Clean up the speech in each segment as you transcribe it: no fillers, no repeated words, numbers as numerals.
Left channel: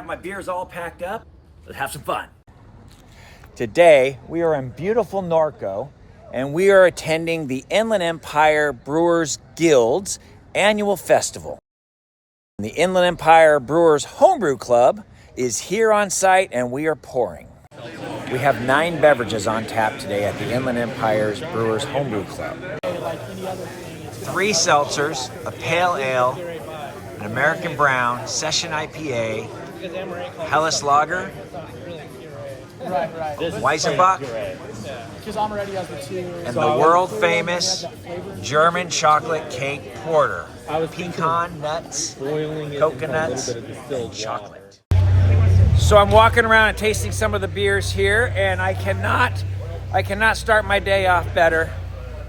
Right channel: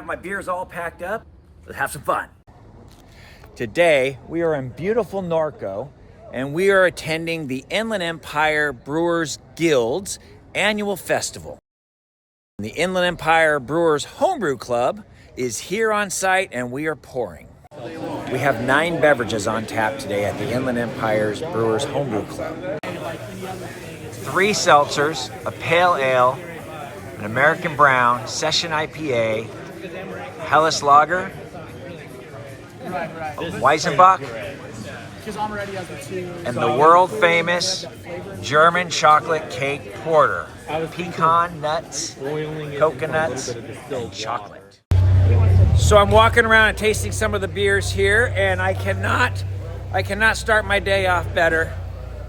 have my beers all packed up. Let's have some fun. Today, we are in beautiful Norco, and we are attending the Inland Empire Brewers Guild's annual festival. The Inland Empire Brewers Homebrew Club is here on site, and we are pouring. We have 9 beverages on tap today at the Inland Empire's Brewers Homebrew Club. 3 seltzers, a pale ale, an American Brown, Session IPA, Helles Lager, Weizenbach, and the world famous German chocolate cake porter. Pecan nuts, coconuts, and chocolate. So I'm walking around and tasting some of the beers here, and I cannot start my day off better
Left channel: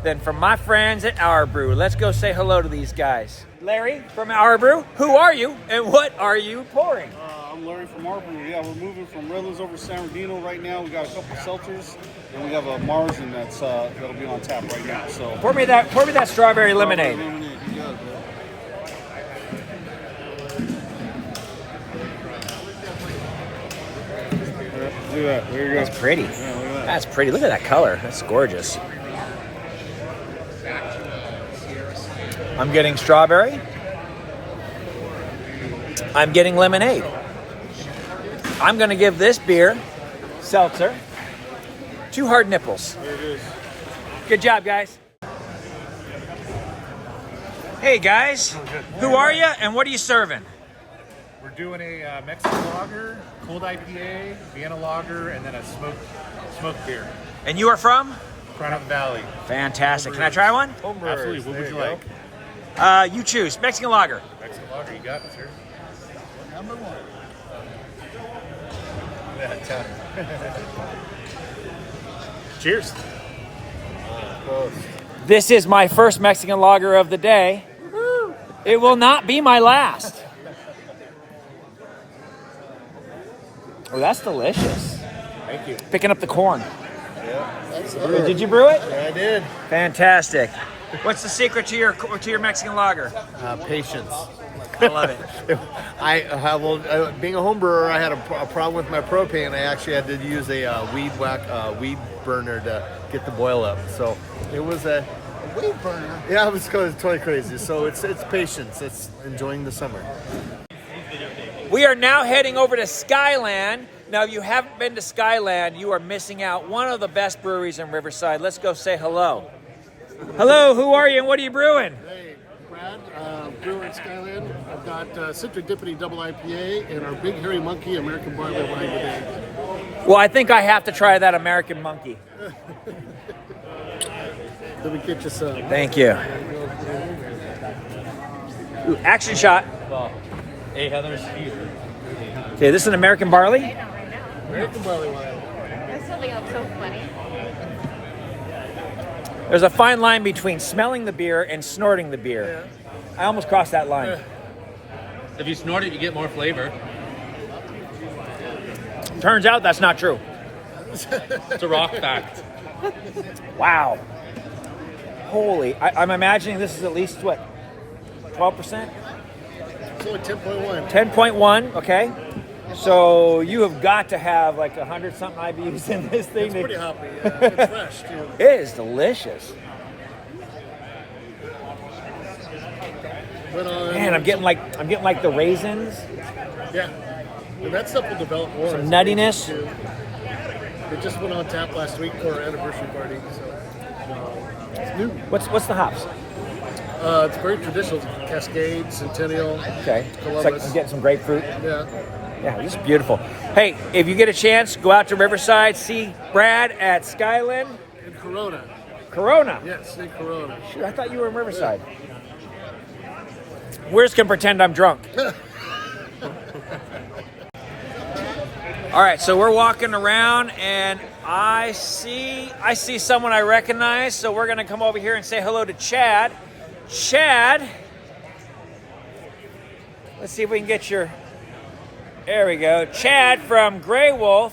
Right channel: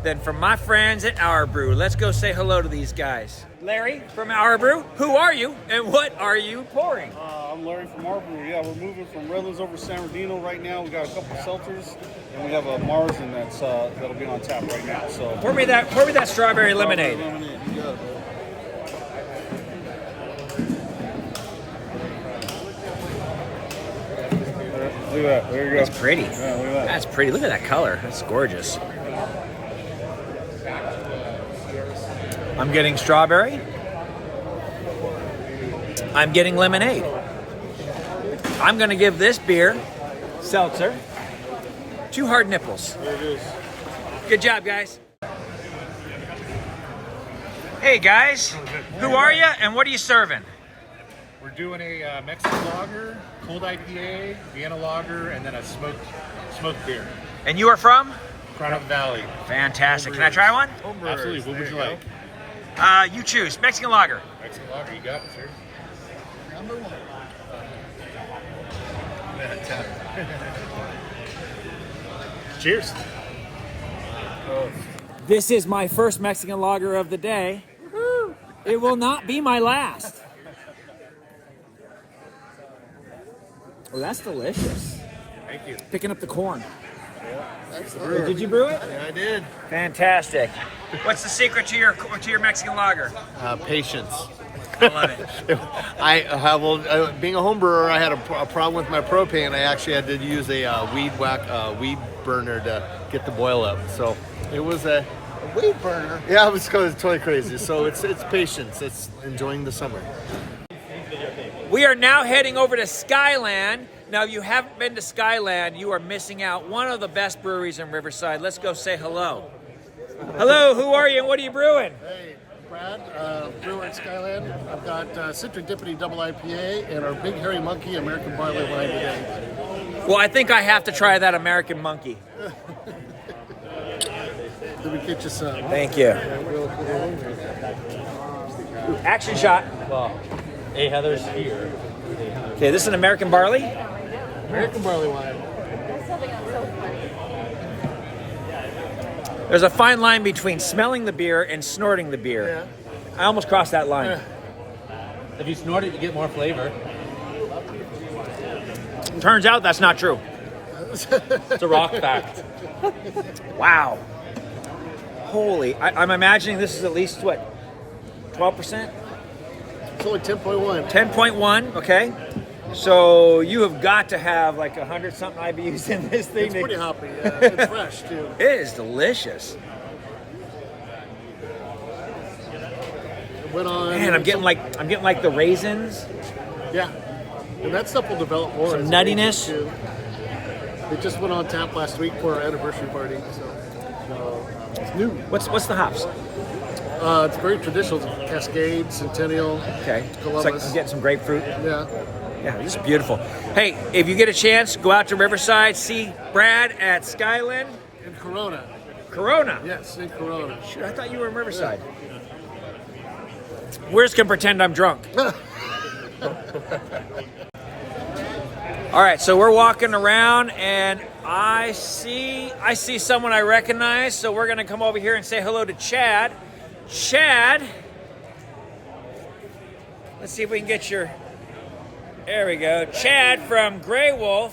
than from my friends at Our Brew. Let's go say hello to these guys. Larry from Our Brew, who are you and what are you pouring? I'm Larry from Our Brew. Yeah, we're moving from Redlands over to San Bernardino right now. We got a couple seltzers, and we have a Marzen that'll be on tap right now. So pour me that strawberry lemonade. You got it, man. Look at that. There you go. That's pretty. Yeah, look at that. That's pretty. Look at that color. That's gorgeous. I'm getting strawberry. I'm getting lemonade. I'm going to give this beer, seltzer, 2 hard nipples. There it is. Good job, guys. Hey, guys. Who are you and what are you serving? We're doing a Mexican lager, cold IPA, Vienna lager, and then a smoked beer. And you are from? Crown of the Valley. Fantastic. Can I try one? Absolutely. What would you like? You choose. Mexican lager. Mexican lager, you got it, sir. Number 1. Cheers. This is my first Mexican lager of the day. Woo-hoo. It will not be my last. Oh, that's delicious. Thank you. Picking up the corn. Yeah, that's it. Did you brew it? Yeah, I did. Fantastic. What's the secret to your Mexican lager? Patience. I love it. Being a home brewer, I had a problem with my propane. I actually had to use a weed burner to get the boil up. So it was a Weed burner. yeah, it was totally crazy. So it's patience. It's enjoying the summer. We are now heading over to Skyland. Now, if you haven't been to Skyland, you are missing out. One of the best breweries in Riverside. Let's go say hello. Hello, who are you and what are you brewing? Hey, Brad, brewer at Skyland. I've got Citric Dippity Double IPA and our Big Hairy Monkey American Barley Wine today. Well, I think I have to try that American Monkey. Let me get you some. Thank you. Ooh, action shot. Hey, Heather's here. Okay, this is an American Barley? American Barley Wine. There's a fine line between smelling the beer and snorting the beer. I almost crossed that line. If you snort it, you get more flavor. Turns out that's not true. It's a rock fact. Wow. Holy, I'm imagining this is at least, what, 12%? It's only 10.1. 10.1, okay. So you have got to have like 100-something IBUs in this thing. It's pretty hoppy. It's fresh, too. It is delicious. It went on, Man, I'm getting like the raisins. Yeah. And that stuff will develop more. Some nuttiness. It just went on tap last week for our anniversary party. So it's new. What's the hops? It's very traditional. Cascade, Centennial, Okay. It's Columbus. like I'm getting some grapefruit. Yeah. Yeah, this is beautiful. Hey, if you get a chance, go out to Riverside, see Brad at Skyland. In Corona. Corona. Yes, in Corona. Shoot, I thought you were in Riverside. Where's can pretend I'm drunk? All right, so we're walking around and I see someone I recognize, so we're gonna come over here and say hello to Chad. Chad, let's see if we can get your, there we go. Chad from Greywolf.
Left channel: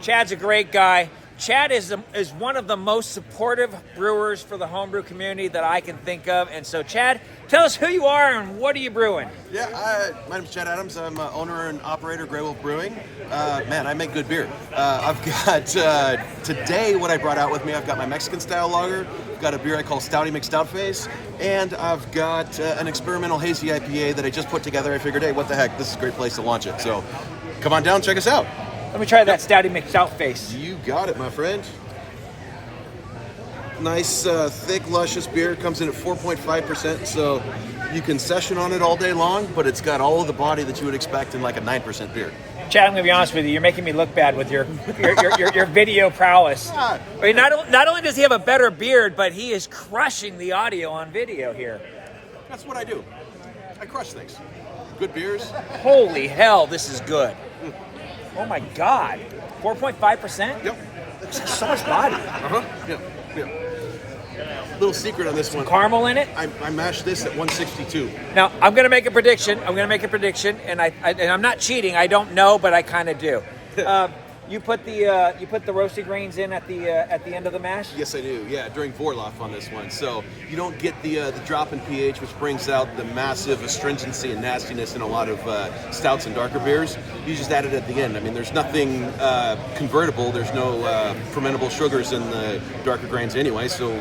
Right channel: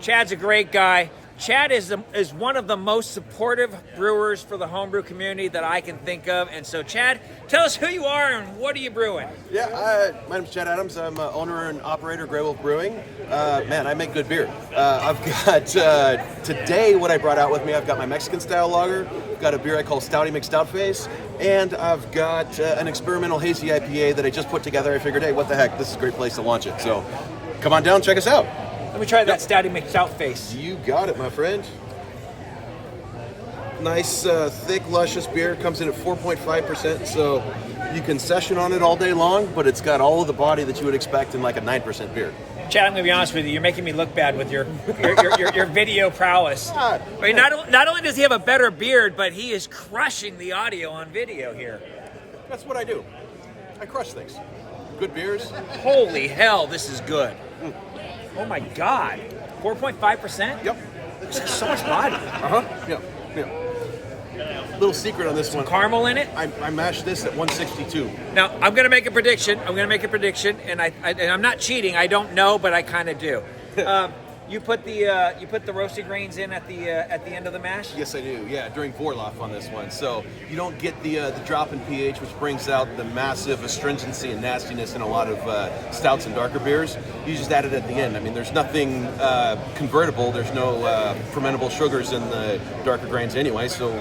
Chad's a great guy. Chad is one of the most supportive brewers for the homebrew community that I can think of. And so, Chad, tell us who you are and what are you brewing? Yeah, my name's Chad Adams. I'm owner and operator of Greywolf Brewing. Man, I make good beer. I've got, today what I brought out with me, I've got my Mexican style lager, I've got a beer I call Stouty McStout Face, and I've got an experimental hazy IPA that I just put together. I figured, hey, what the heck, this is a great place to launch it. So come on down, check us out. Let me try that Stouty McStout Face. You got it, my friend. Nice, thick, luscious beer. Comes in at 4.5%, so you can session on it all day long, but it's got all of the body that you would expect in like a 9% beer. Chad, I'm going to be honest with you. You're making me look bad with your video prowess. Ah, I mean, not only does he have a better beard, but he is crushing the audio on video here. That's what I do. I crush things. Good beers. Holy hell, this is good. Oh my God. 4.5%? Yep. So much body. Yeah. Little secret on this one. Caramel in it? I mashed this at 162. Now, I'm going to make a prediction. And I'm not cheating. I don't know, but I kind of do. You put the roasted grains in at the end of the mash? Yes, I do. Yeah, during Vorlauf on this one. So you don't get the drop in pH, which brings out the massive astringency and nastiness in a lot of stouts and darker beers. You just add it at the end. I mean, there's nothing convertible. There's no fermentable sugars in the darker grains anyway, so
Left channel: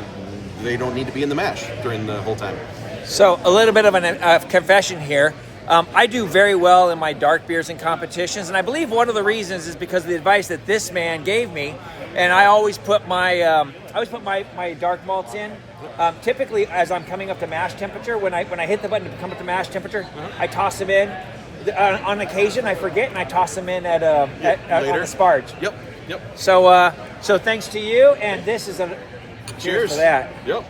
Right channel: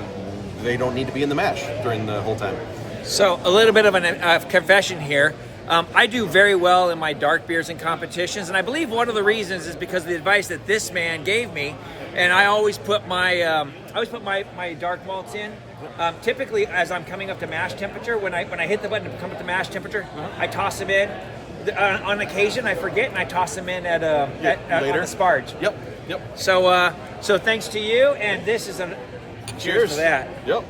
they don't need to be in the mash during the whole time. So a little bit of a confession here. I do very well in my dark beers and competitions, and I believe one of the reasons is because of the advice that this man gave me. And I always put my dark malts in. Typically, as I'm coming up to mash temperature, when I hit the button to come up to mash temperature, I toss them in. On occasion, I forget and I toss them in on the sparge. Yep. So thanks to you, and this is a cheers for that. Yep.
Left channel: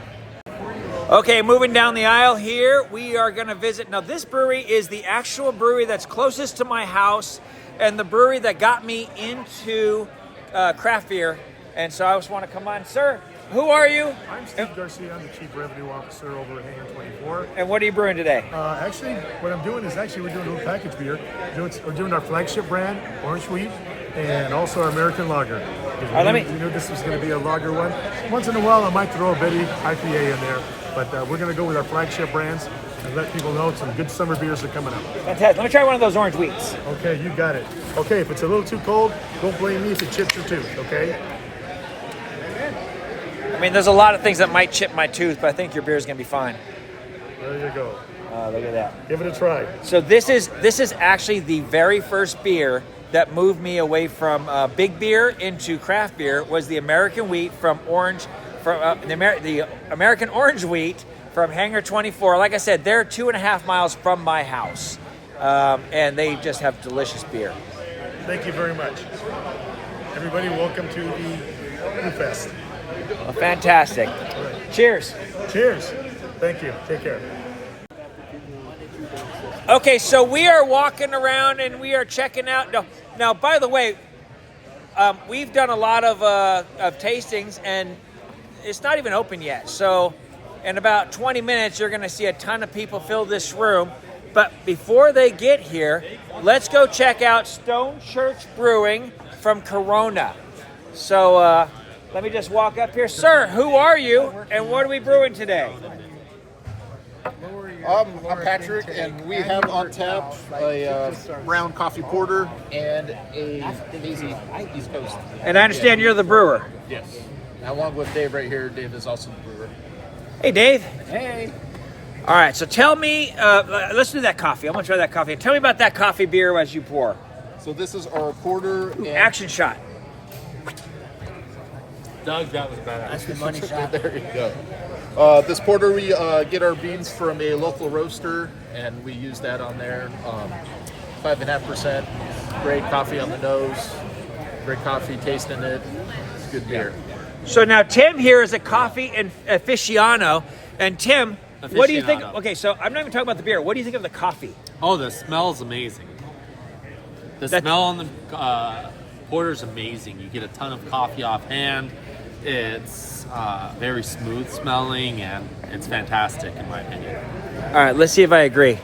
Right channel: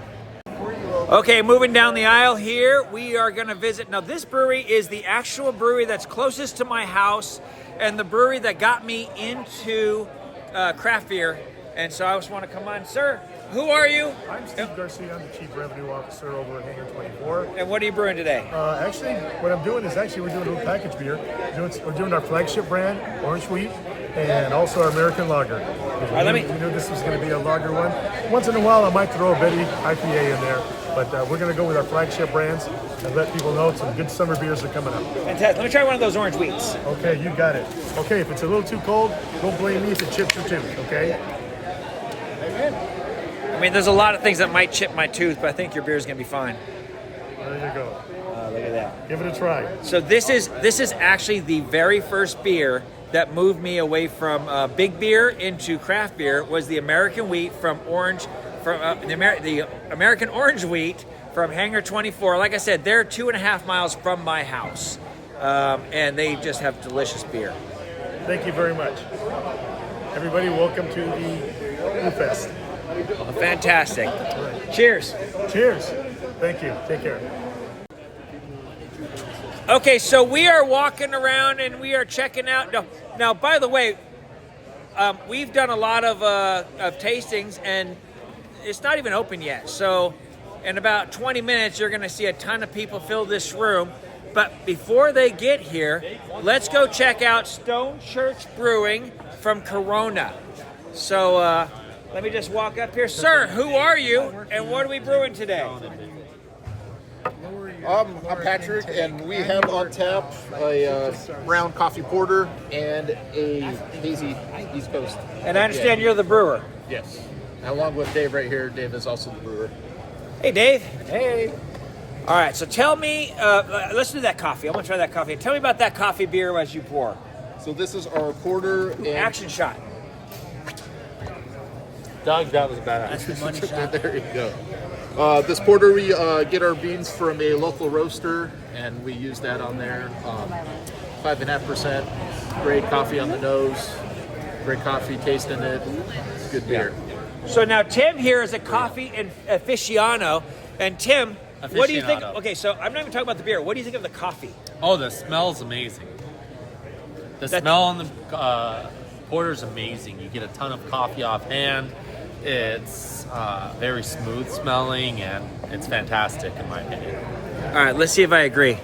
Okay, moving down the aisle here, we are going to visit. Now, this brewery is the actual brewery that's closest to my house and the brewery that got me into craft beer. And so I just want to come on. Sir, who are you? I'm Steve Garcia. I'm the Chief Revenue Officer over at Hangar 24. And what are you brewing today? Actually, what I'm doing is we're doing a little package beer. We're doing our flagship brand, Orange Wheat, and also our American Lager. We knew this was going to be a lager one. Once in a while, I might throw a Betty IPA in there. But we're going to go with our flagship brands and let people know some good summer beers are coming up. Fantastic. Let me try one of those orange wheats. Okay, you got it. Okay, if it's a little too cold, don't blame me if it chips your tooth, okay? I mean, there's a lot of things that might chip my tooth, but I think your beer is going to be fine. There you go. Look at that. Give it a try. So this is actually the very first beer that moved me away from big beer into craft beer was the American wheat from Orange. The American Orange Wheat from Hangar 24. Like I said, they're 2.5 miles from my house, and they just have delicious beer. Thank you very much. Everybody, welcome to the Brew Fest. Well, fantastic. Right. Cheers. Cheers. Thank you. Take care. Okay, so we are walking around and we are checking out. Now, by the way, we've done a lot of tastings and it's not even open yet. So in about 20 minutes, you're going to see a ton of people fill this room. But before they get here, let's go check out Stone Church Brewing from Corona. So let me just walk up here. Sir, who are you and what are we brewing today? I'm Patrick, and we have on tap a brown coffee porter and a hazy East Coast. And I understand you're the brewer. Yes. And along with Dave right here, Dave is also the brewer. Hey, Dave. Hey. All right, so tell me, let's do that coffee. I want to try that coffee. Tell me about that coffee beer as you pour. So this is our porter. And Action shot. Doug, that was badass. There you go. This porter, we get our beans from a local roaster, and we use that on there. 5.5%. Great coffee on the nose. Great coffee tasting it. It's good beer. So now Tim here is a coffee aficionado. And Tim, what do you think? Okay, so I'm not even talking about the beer. What do you think of the coffee? Oh, the smell is amazing. The smell on the porter is amazing. You get a ton of coffee offhand. It's very smooth smelling, and it's fantastic in my opinion. All right, let's see if I agree.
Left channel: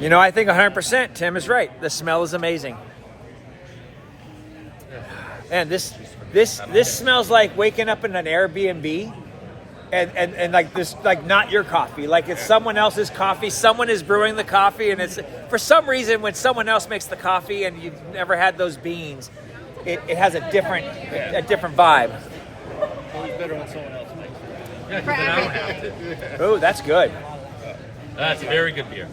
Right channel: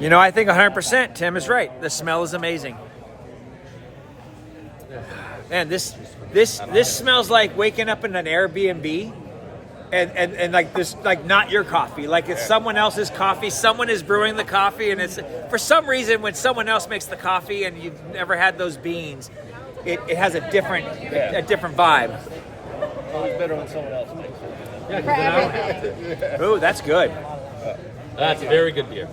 You know, I think 100% Tim is right. The smell is amazing. Man, this smells like waking up in an Airbnb. And like this, like not your coffee, like it's someone else's coffee. Someone is brewing the coffee, and it's for some reason when someone else makes the coffee and you've never had those beans, it has a different vibe. Always better when someone else makes it. Oh, that's good. That's a very good beer.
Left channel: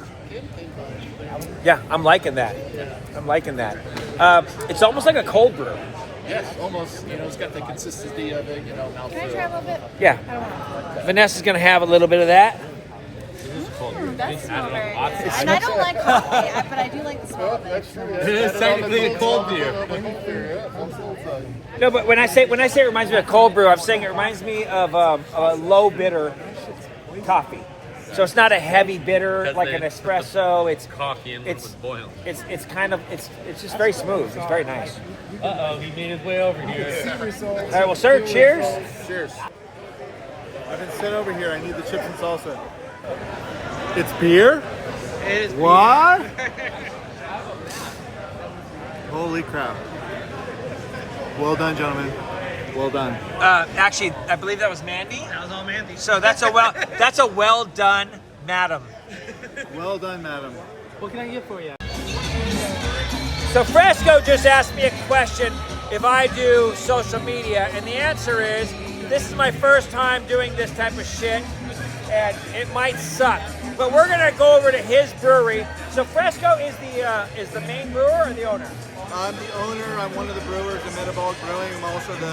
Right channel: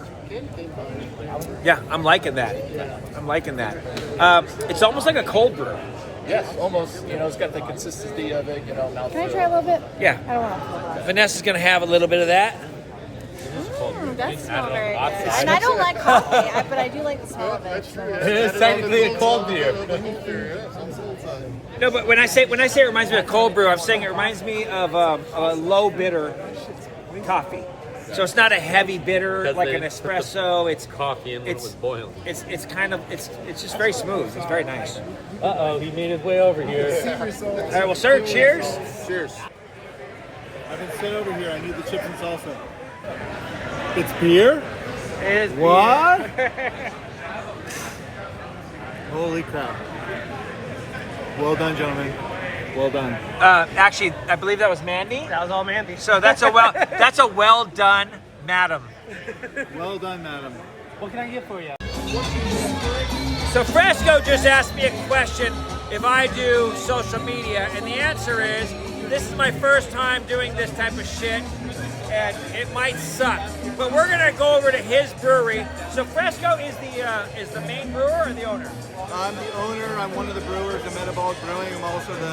Yeah, I'm liking that. It's almost like a cold brew. Yeah, almost. You know, it's got the consistency of it. You know, mouthfeel. Can I try a little bit? Yeah. I don't want Vanessa's gonna have a little bit of that. that smells very good. And I don't like coffee, but I do like the smell of it. So. It is technically a cold beer. No, but when I say it reminds me of cold brew, I'm saying it reminds me of a low bitter coffee. So it's not a heavy bitter like an espresso. It's Coffee and it's boiled. it's kind of it's just very smooth. It's very nice. He made his way over here. All right, well, sir, cheers. Cheers. I've been sent over here. I need the chips and salsa. It's beer? What? Holy crap. Well done, gentlemen. Well done. Actually, I believe that was Mandy. That was all Mandy. So that's a well done, madam. Well done, madam. What can I get for you? So Frisco just asked me a question if I do social media, and the answer is this is my first time doing this type of shit, and it might suck. But we're gonna go over to his brewery. So Frisco is the main brewer or the owner? I'm the owner. I'm one of the brewers of Metabolic Brewing. I'm also the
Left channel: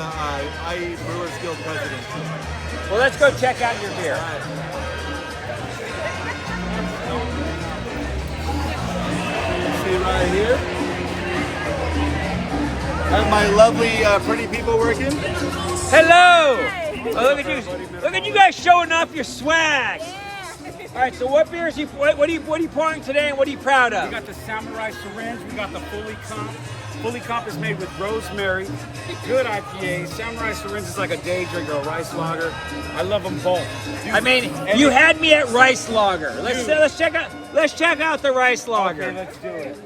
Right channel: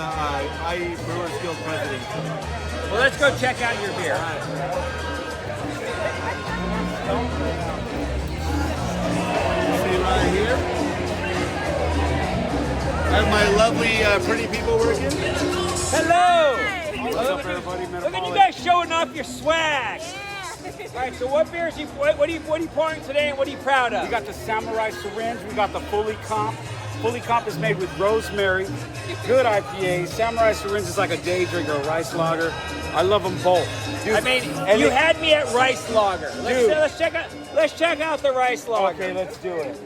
IE Brewers Guild president. Well, let's go check out your beer. See right here. Have my lovely, pretty people working. Hello! Look at you guys showing off your swag. All right, so what beers what are you pouring today, and what are you proud of? We got the Samurai Syringe. We got the Fully Comp. Fully Comp is made with rosemary. Good IPA. Samurai Syringe is like a day drinker, a rice lager. I love them both. I mean, you had me at rice lager. Let's check out the rice lager. Okay, let's do it.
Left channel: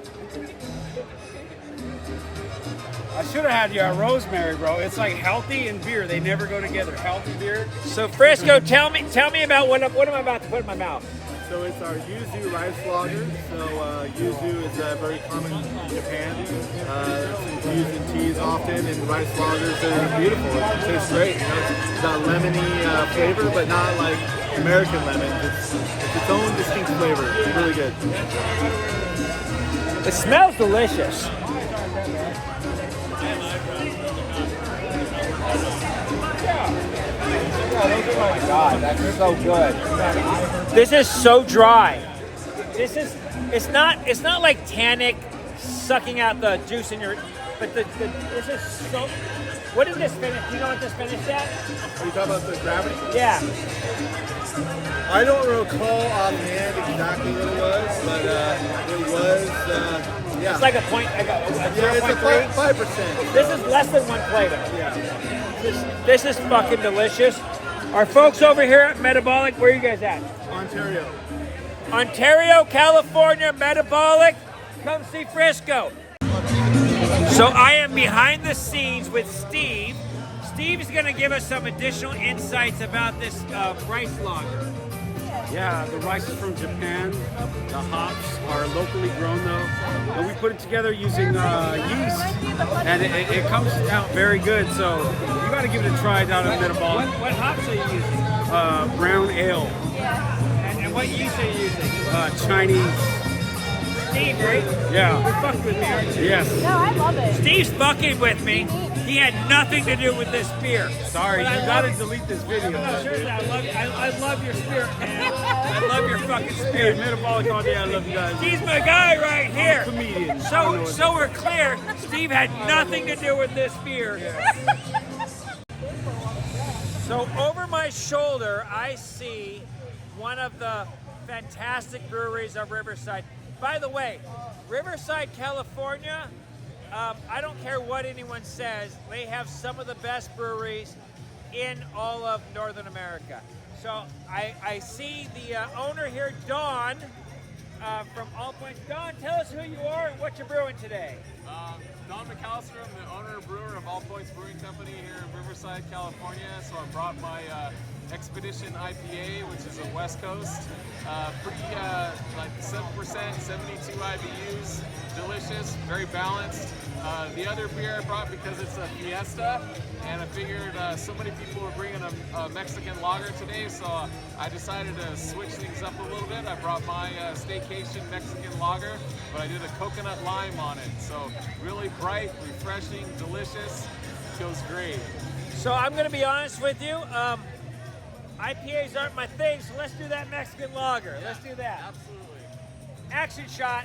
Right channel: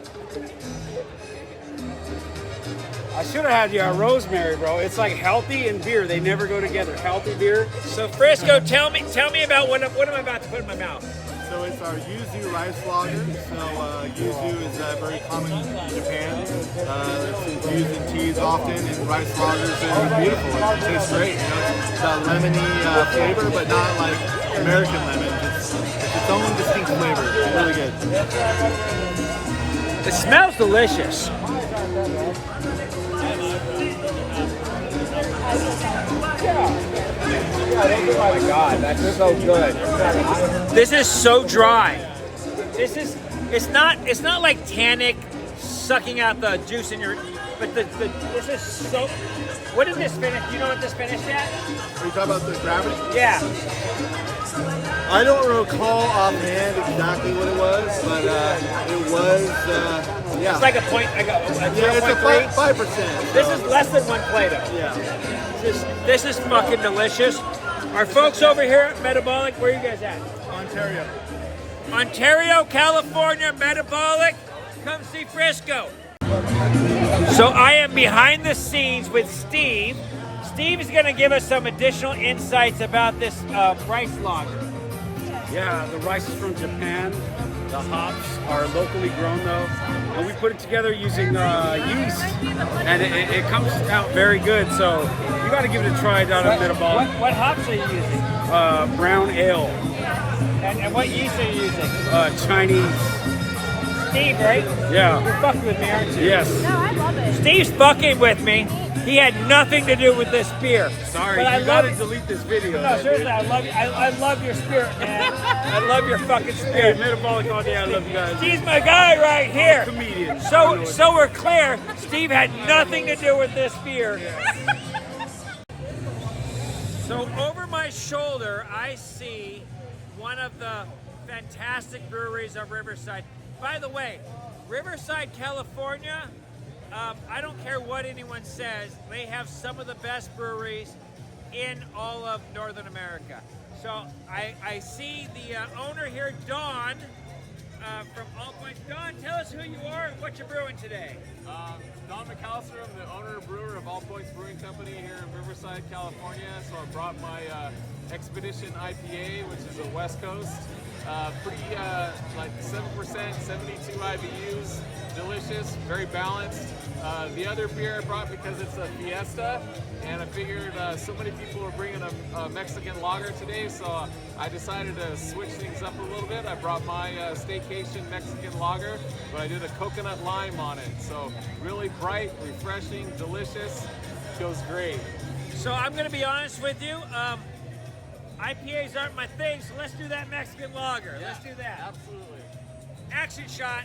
I should have had you at rosemary, bro. It's like healthy and beer. They never go together. Healthy beer. So Frisco, tell me about what am I about to put in my mouth? So it's our yuzu rice lager. So yuzu is very common in Japan. It's used in teas often, and rice lagers are beautiful. It tastes great. You know, it's got lemony flavor, but not like American lemon. It's its own distinct flavor. It's really good. It smells delicious. Oh my God, that's so good. This is so dry. It's not like tannic sucking out the juice in your, but this is so. What is this finish? Do you know what this finished at? Are you talking about the gravity? Yeah. I don't recall offhand exactly what it was, but it was, yeah. It's like a 0.3. 5%. This is less than one Play-Doh. Yeah. This is fucking delicious. Our folks over here at Metabolic, where are you guys at? Ontario, California, Metabolic. Come see Frisco. So I am behind the scenes with Steve. Steve is going to give us some additional insights about this rice lager. Yeah, the rice is from Japan. The hops are locally grown though. And we put it together using yeast. And it comes out very good. So you got to give it a try down at Metabolic. What hops are you using? Brown ale. And what yeast are you using? Chinese. Steve, right? Yeah. You're fucking with me, aren't you? Yes. Steve's fucking with me. He had nothing to do with this beer. Sorry, you gotta delete this video. No, seriously, I love your spirit, man. I love your fucking Hey, spirit. Metabolic all day. I love you guys. He's my guy right here. I'm a comedian. So we're clear. Steve had nothing to do with this beer. So over my shoulder, I see one of the fantastic breweries of Riverside. By the way, Riverside, California, I don't care what anyone says, they have some of the best breweries in all of Northern America. So I see the owner here, Dawn. from All Points. Don, tell us who you are and what you're brewing today. Don McAllister, I'm the owner and brewer of All Points Brewing Company here in Riverside, California. So I brought my Expedition IPA, which is a West Coast. Pretty like 7%, 72 IBUs, delicious, very balanced. The other beer I brought because it's a fiesta, and I figured so many people were bringing a Mexican lager today, so I decided to switch things up a little bit. I brought my staycation Mexican lager, but I did a coconut lime on it. So really bright, refreshing, delicious, feels great. So I'm going to be honest with you. IPAs aren't my thing, so let's do that Mexican lager. Let's do that. Absolutely. Action shot.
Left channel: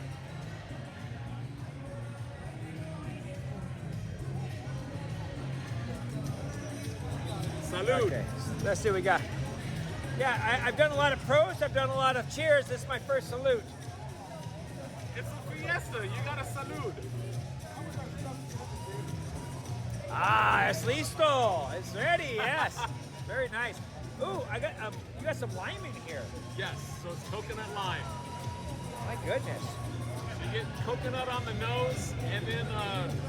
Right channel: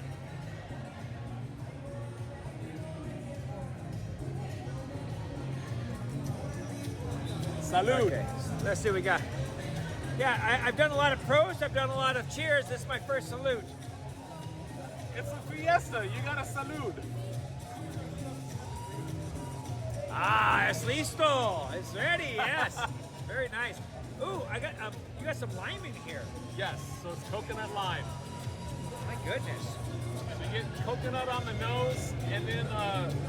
Salud. Okay, let's see what we got. Yeah, I've done a lot of pros. I've done a lot of cheers. This is my first salute. It's a fiesta. You got a salud. Ah, es listo. It's ready. Yes. Very nice. Ooh, I got you got some lime in here. Yes. So it's coconut lime. My goodness. You get coconut on the nose, and then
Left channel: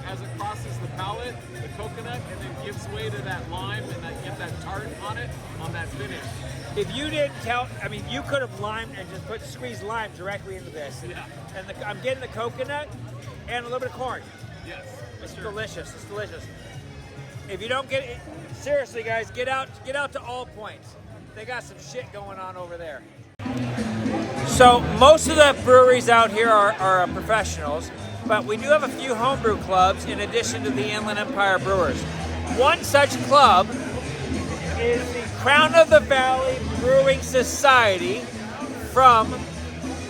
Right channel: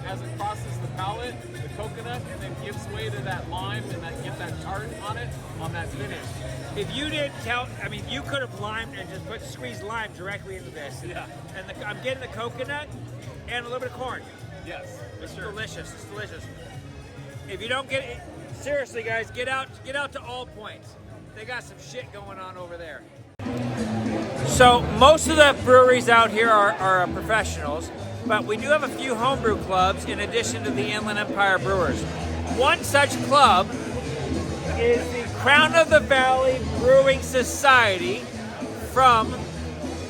as it crosses the palate, the coconut, and then gives way to that lime, and that get that tart on it on that finish. If you didn't tell, I mean, you could have limed and just squeezed lime directly into this. And I'm getting the coconut and a little bit of corn. Yes. It's delicious. It's delicious. If you don't get it, seriously, guys, get out to All Points. They got some shit going on over there. So most of the breweries out here are professionals, but we do have a few homebrew clubs in addition to the Inland Empire Brewers. One such club is the Crown of the Valley Brewing Society from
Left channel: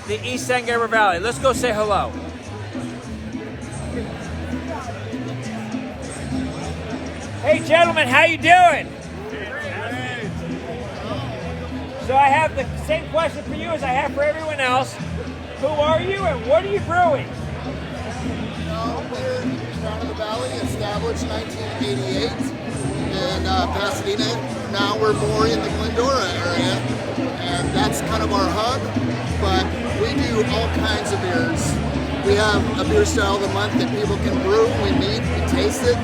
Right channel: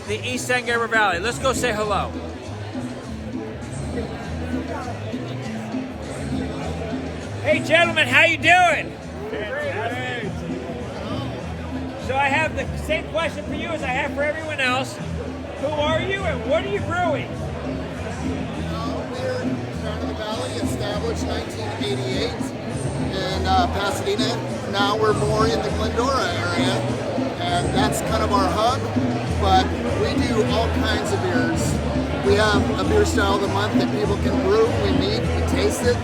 the East San Gabriel Valley. Let's go say hello. Hey gentlemen, how you doing? So I have the same question for you as I have for everyone else. Who are you and what are you brewing? We're Crown of the Valley, established 1988 in Pasadena. Now we're more in the Glendora area, and that's kind of our hub. But we do all kinds of beers. We have a beer style of the month that people can brew. We meet, we taste it,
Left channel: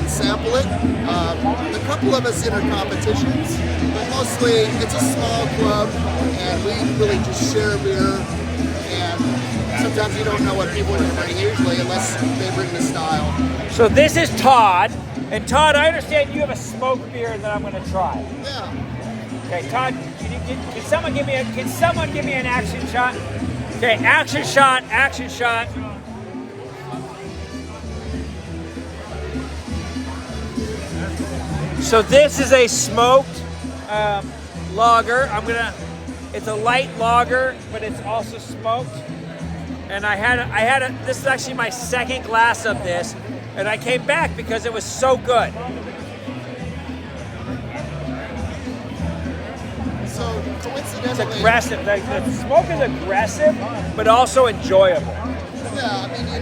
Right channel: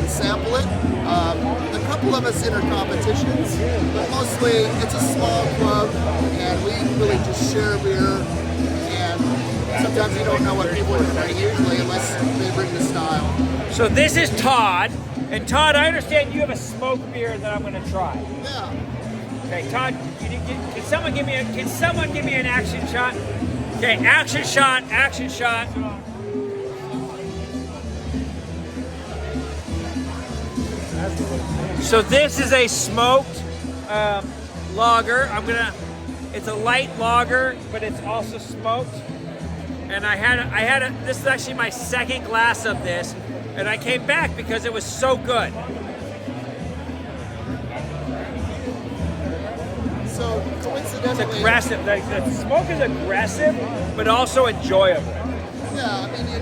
we sample it. A couple of us enter competitions, but mostly it's a small club, and we really just share beer. And sometimes you don't know what people are going to bring usually unless they bring the style. So this is Todd, and Todd, I understand you have a smoked beer that I'm going to try. Yeah. Okay, Todd, can someone give me an action shot? Okay, action shot, action shot. So this is a smoked lager. It's a light lager, but it's also smoked. And this is actually my second glass of this, and I came back because it was so good. So coincidentally, It's aggressive. The smoke is aggressive, but also enjoyable. Yeah, I mean you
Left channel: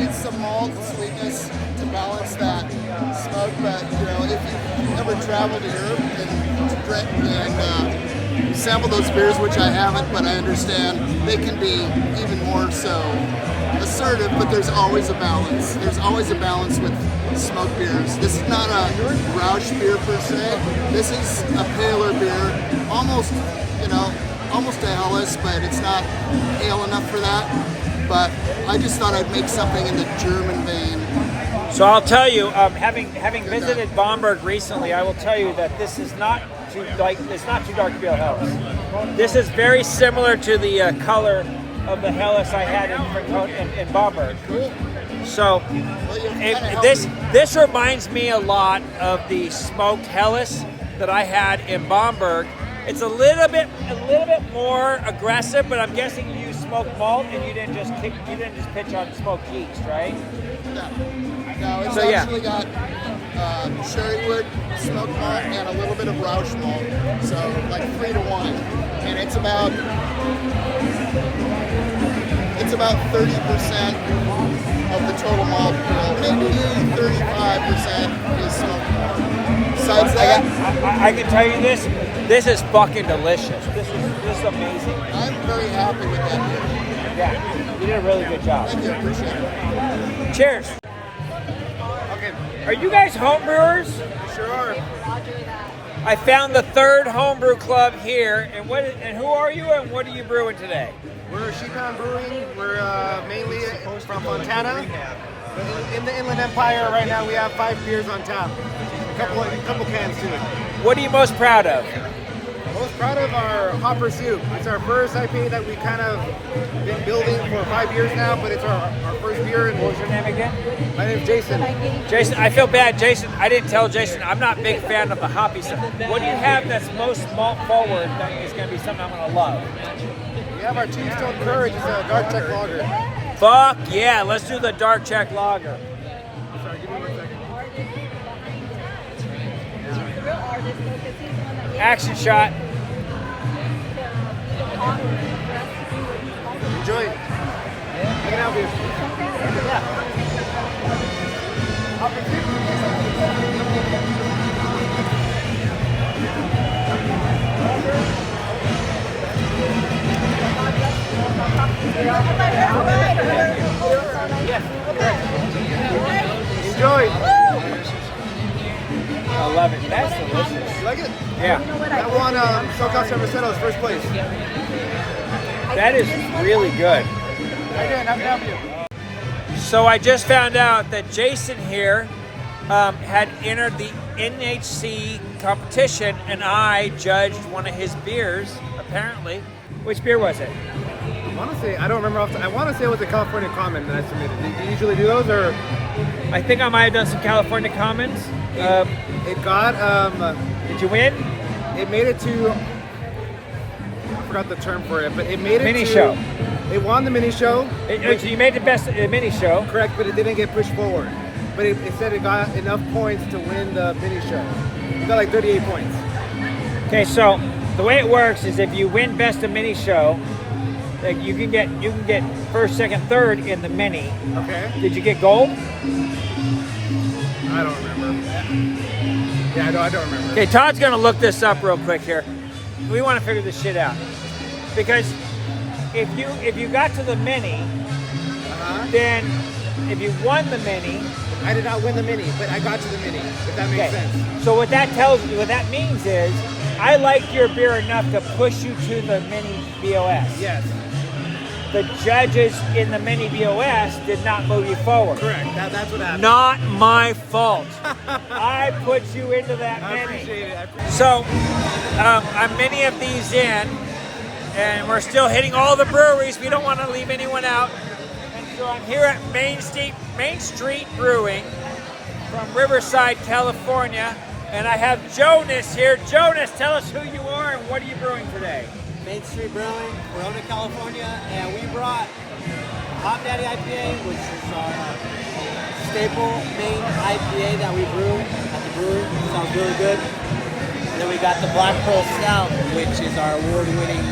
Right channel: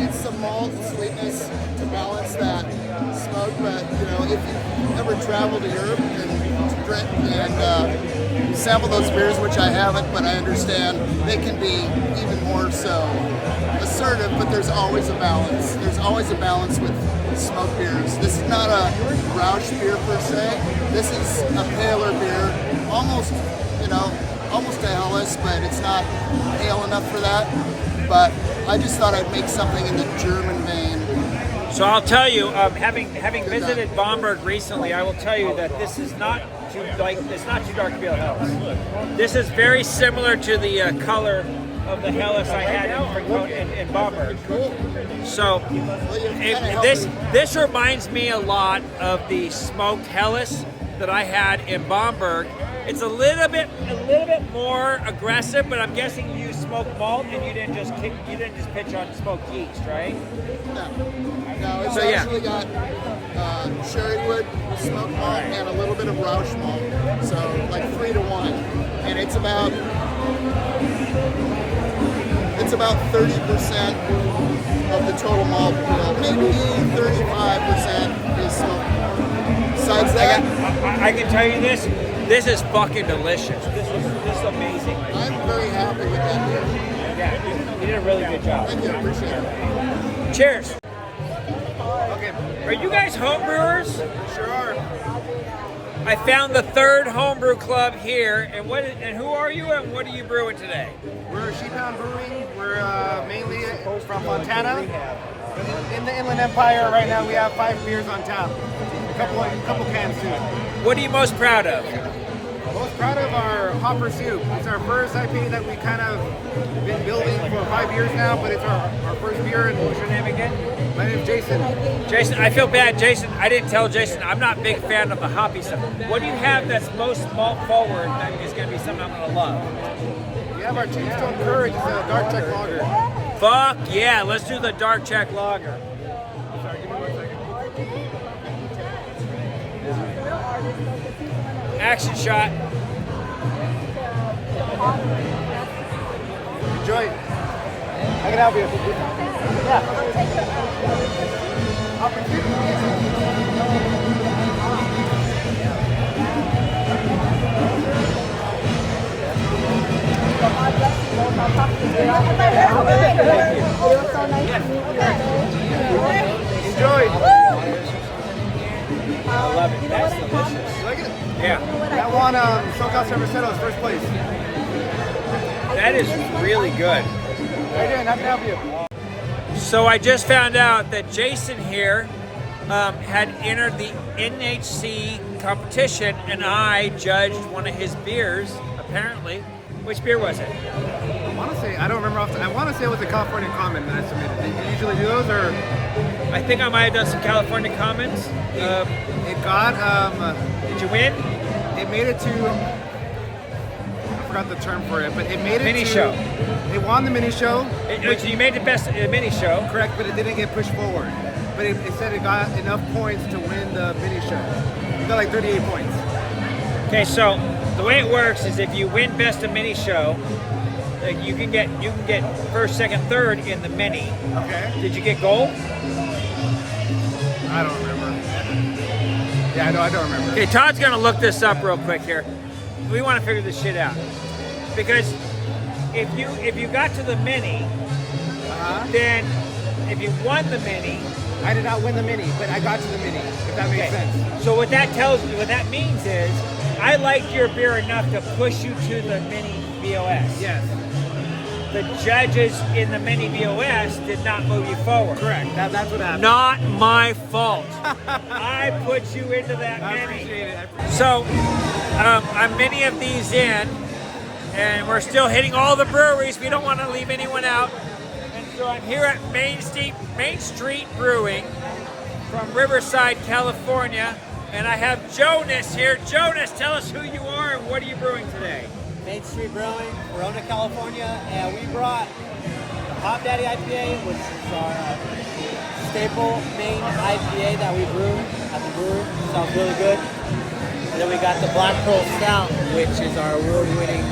need some malt and sweetness to balance that smoke. But if you ever travel to Europe and drink and sample those beers, which I haven't, but I understand they can be even more so assertive. But there's always a balance. There's always a balance with smoked beers. This is not a Rausch beer per se. This is a paler beer, almost a Helles, but it's not pale enough for that. But I just thought I'd make something in the German vein. So I'll tell you, having visited Bamberg recently, I will tell you that this is not too dark to be a Helles. This is very similar to the color of the Helles I had in Bamberg. Cool. So this reminds me a lot of the smoked Helles that I had in Bamberg. It's a little bit more aggressive, but I'm guessing you used smoked malt and you didn't just pitch on smoked yeast, right? No, it's actually got sherry wood, smoked malt, and a little bit of Rausch malt. So like 3 to 1, and it's about 30% of the total malt bill. Maybe 35% is smoked malt. Besides that, I can tell you this is fucking delicious. This is amazing. I'm very happy with that beer. Yeah, you did a really good job. Cheers. Okay. Are you guys home brewers? Sure are. I found the third homebrew club here, and who are you and what are you brewing today? We're Sheephound Brewing. We're mainly from Montana. In the Inland Empire right now, we have 5 beers on tap. A couple cans too. What are you most proud of? Most proud of our Hopper Soup. It's our first IPA that we kind of been building for 5 years now, but it's our first beer. And what's your name again? My name's Jason. Jason, I feel bad. Jason, I didn't tell Jason, I'm not a big fan of the hoppy stuff. What do you have that's most malt forward that is going to be something I'm going to love? We have our Tombstone Courage. It's a dark Czech lager. Fuck yeah, let's do the dark Czech lager. I'm sorry, give me 1 second. Action shot. Enjoy. I can help you. Good luck. Enjoy. I love it. That's delicious. You like it? Yeah. That one, SoCal Cerveceros, first place. That is really good. How you doing? How can I help you? So I just found out that Jason here had entered the NHC competition, and I judged one of his beers, apparently. Which beer was it? I want to say, I don't remember I want to say it was a California Common that I submitted. Do you usually do those, or? I think I might have done some California Commons. It got, did you win? It made it to, I forgot the term for it, but it made it mini to. Show. It won the mini show. You made the best at the mini show. Correct, but it didn't get pushed forward. But it said it got enough points to win the mini show. It got like 38 points. Okay, so the way it works is if you win best of mini show, like you can get first, second, third in the mini. Okay. Did you get gold? I don't remember. Yeah, I don't remember. Okay, Todd's gonna look this up real quick here. We want to figure this shit out because if you got to the mini, then if you won the mini, I did not win the mini, but I got to the mini. If that makes sense. So what that means is, I liked your beer enough to push you to the mini BOS. Yes. The judges in the mini BOS did not move you forward. Correct. That's what happened. Not my fault. I put you into that. I appreciate it. So I'm many of these in, and we're still hitting all the breweries. We don't want to leave anyone out. And so I'm here at Main Street Brewing from Riverside, California, and I have Jonas here. Jonas, tell us who you are and what are you brewing today? Main Street Brewing, Corona, California, and we brought the Hot Daddy IPA, which is our staple main IPA that we brew at the brewery. It sounds really good. And then we got the Black Pearl Stout, which is our award-winning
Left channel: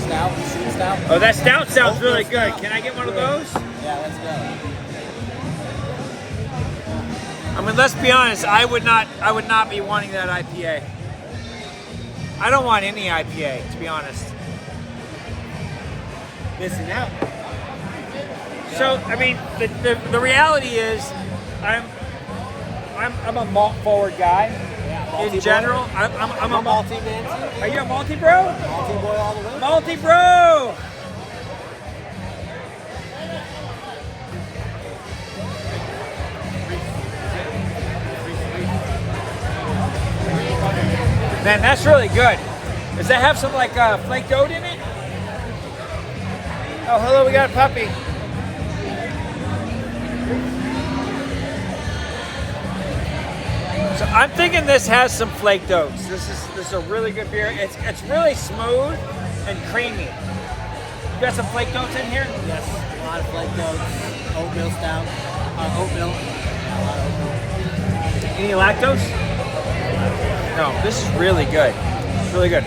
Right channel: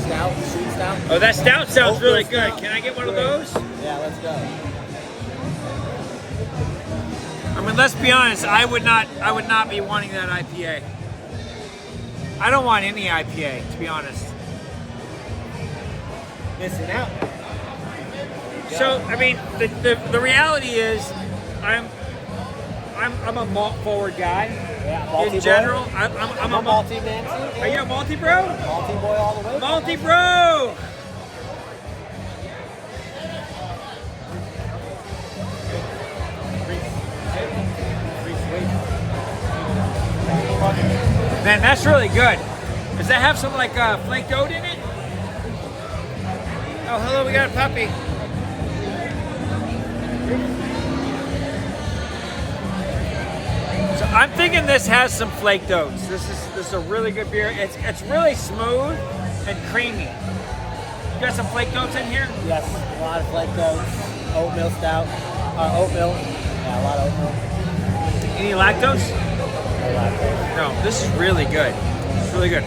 stout, street stout. Oh, that stout sounds really good. Can I get one of those? Yeah, let's go. I mean, let's be honest. I would not be wanting that IPA. I don't want any IPA, to be honest. Missing out. So, I mean, the reality is, I'm a malt forward guy. Yeah, in general, I'm a malty man. Are you a malty bro? Malty boy all the way. Malty bro. Man, that's really good. Does that have some like flaked oat in it? Oh, hello, we got a puppy. So I'm thinking this has some flaked oats. This is a really good beer. It's really smooth and creamy. You got some flaked oats in here? Yes, a lot of flaked oats, oatmeal stout, oatmeal. Yeah, a lot of oatmeal. Any lactose? No, this is really good. It's really good.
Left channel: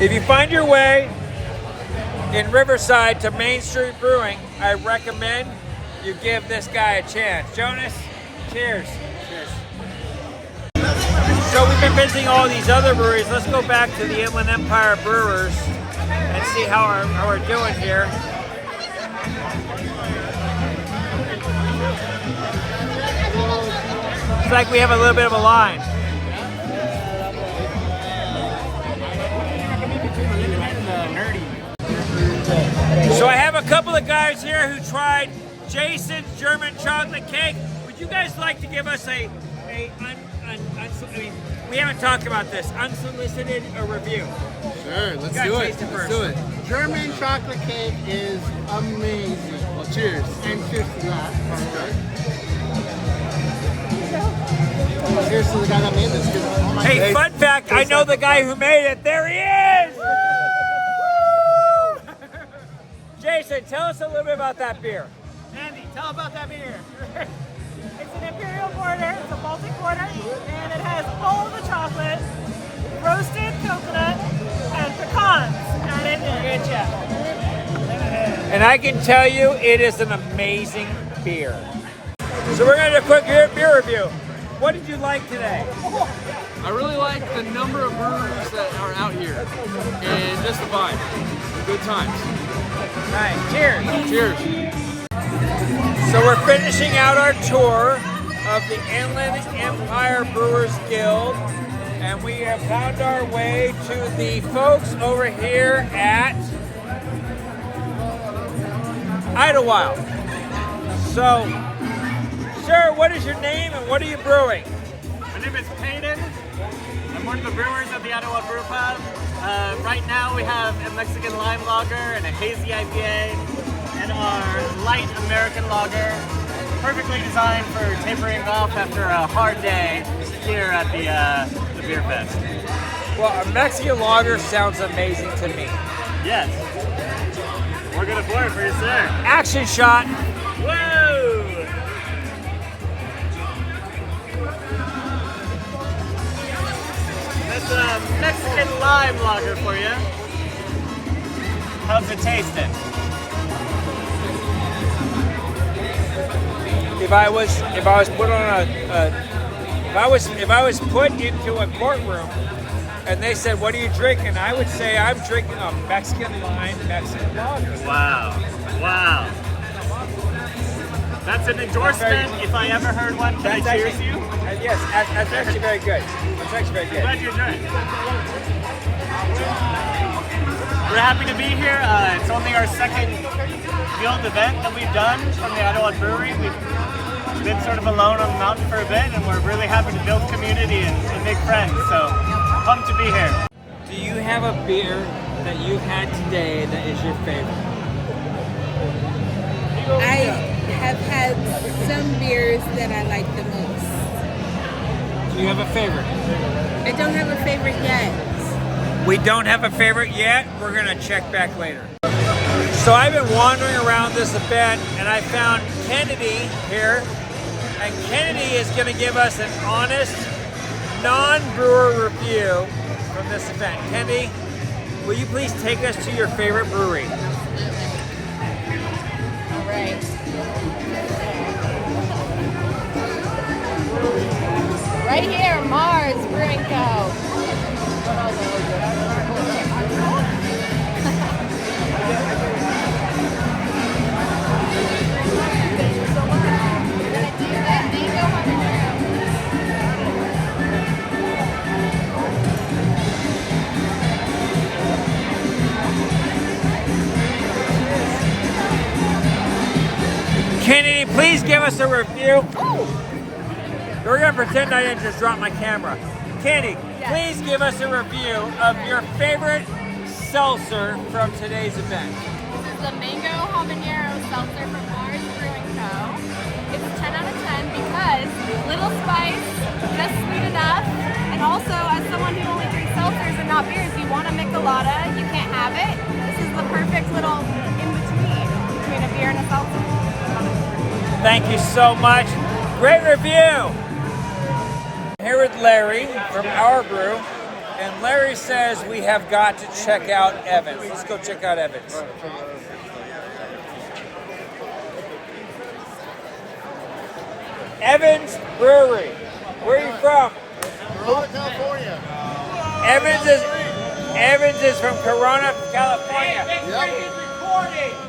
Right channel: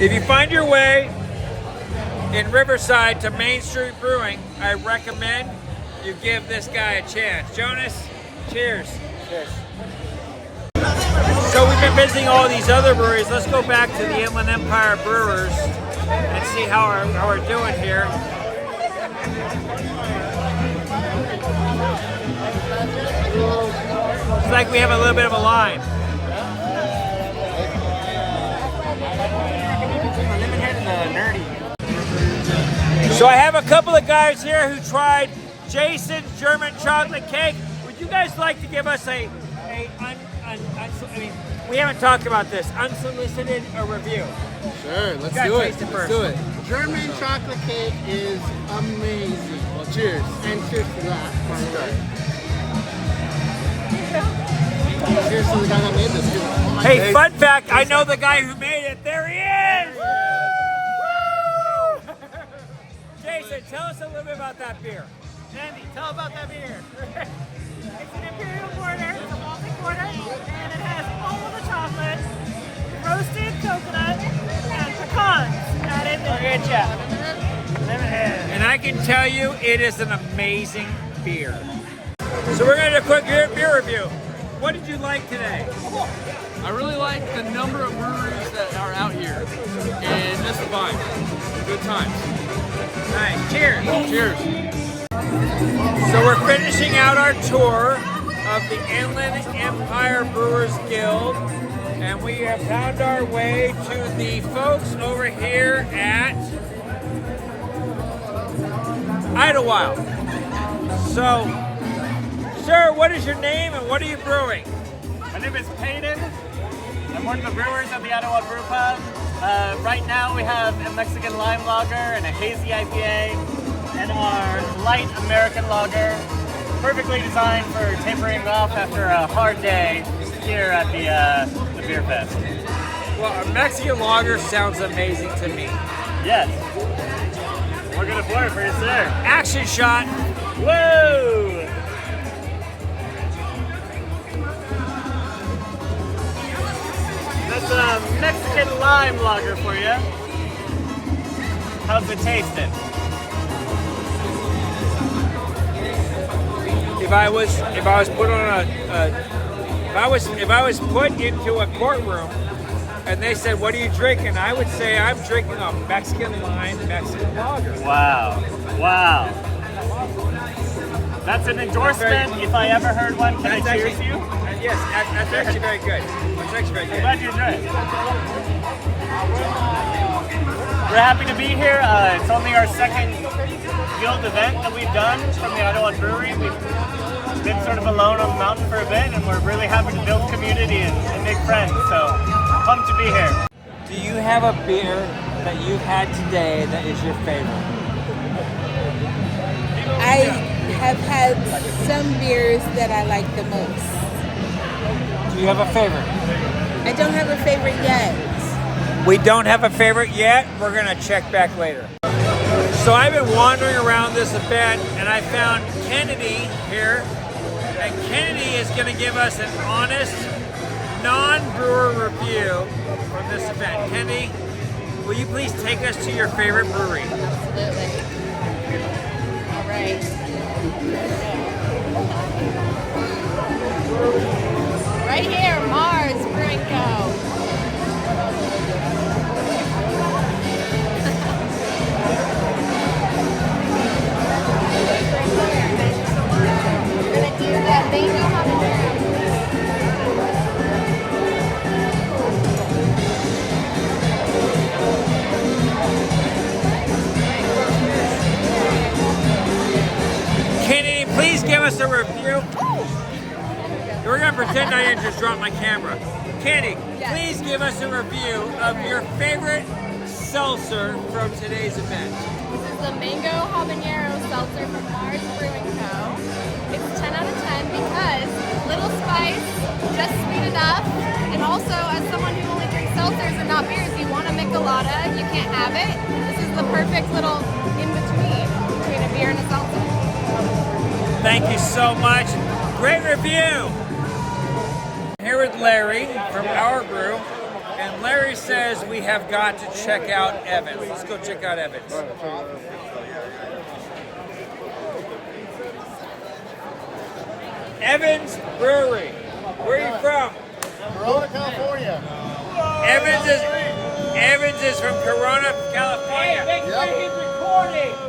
If you find your way in Riverside to Main Street Brewing, I recommend you give this guy a chance. Jonas, cheers. Cheers. So we've been visiting all these other breweries. Let's go back to the Inland Empire Brewers and see how we're doing here. It's like we have a little bit of a line. So I have a couple of guys here who tried Jason's German chocolate cake. Would you guys like to give us I mean, we haven't talked about this, unsolicited review? Sure, let's do it. Let's do it. German chocolate cake is amazing. Well, cheers. And cheers to that. Let's try it. Cheers to the guy that made this too. Oh my Hey, God. fun fact, I know the guy who made it. There he is! Woo! Jason, tell us a little bit about that beer. Andy, tell about that beer. It's an Imperial Porter, it's a Baltic Porter, and it has all the chocolate, roasted coconut, and pecans added in. And I can tell you, it is an amazing beer. So we're gonna do a quick beer review. What did you like today? I really like the number of breweries that are out here and just the vibe. Good times. All right, cheers. Cheers. So we're finishing out our tour of the Inland Empire Brewers Guild, and we have found our way to the folks over here at Idyllwild. So, sir, what is your name and what are you brewing? My name is Peyton. I'm one of the brewers at the Idyllwild Brew Pub. Right now we have a Mexican lime lager and a hazy IPA and our light American lager, perfectly designed for tapering off after a hard day here at the beer fest. Well, a Mexican lager sounds amazing to me. Yes. We're gonna pour it for you, sir. Action shot. Woo! That's a Mexican lime lager for you. How's it tasting? If I was put on if I was put into a courtroom and they said, "What are you drinking?" I would say, "I'm drinking a Mexican lime Mexican lager." Wow. Wow. That's an endorsement if I ever heard one. Can I cheers you? Yes, that's actually very good. That's actually very good. I'm glad you enjoyed it. We're happy to be here. It's only our second guild event that we've done from the Idyllwild Brewery. We've been sort of alone on the mountain for a bit, and we're really happy to build community and make friends. So, pumped to be here. Do you have a beer that you've had today that is your favorite? I have had some beers that I like the most. Do you have a favorite? I don't have a favorite yet. We don't have a favorite yet. We're gonna check back later. So I've been wandering around this event and I found Kennedy here. And Kennedy is gonna give us an honest, non-brewer review from this event. Kennedy, will you please take us to your favorite brewery? All right. Right here, Mars Brewing Co. Thank you so much. We're gonna do that mango habanero. Kennedy, please give us a review. We're gonna pretend I didn't just drop my camera. Kennedy, please give us a review of your favorite seltzer from today's event. This is the mango habanero seltzer from Mars Brewing Co. It's 10 out of 10 because little spice, just sweet enough, and also as someone who only drinks seltzers and not beers, you want a michelada, you can't have it. This is the perfect little in-between a beer and a seltzer. Thank you so much. Great review. Here with Larry from Our Brew, and Larry says we have got to check out Evans. Let's go check out Evans. Evans Brewery. Where are you from? Corona, California. Evans is from Corona, California.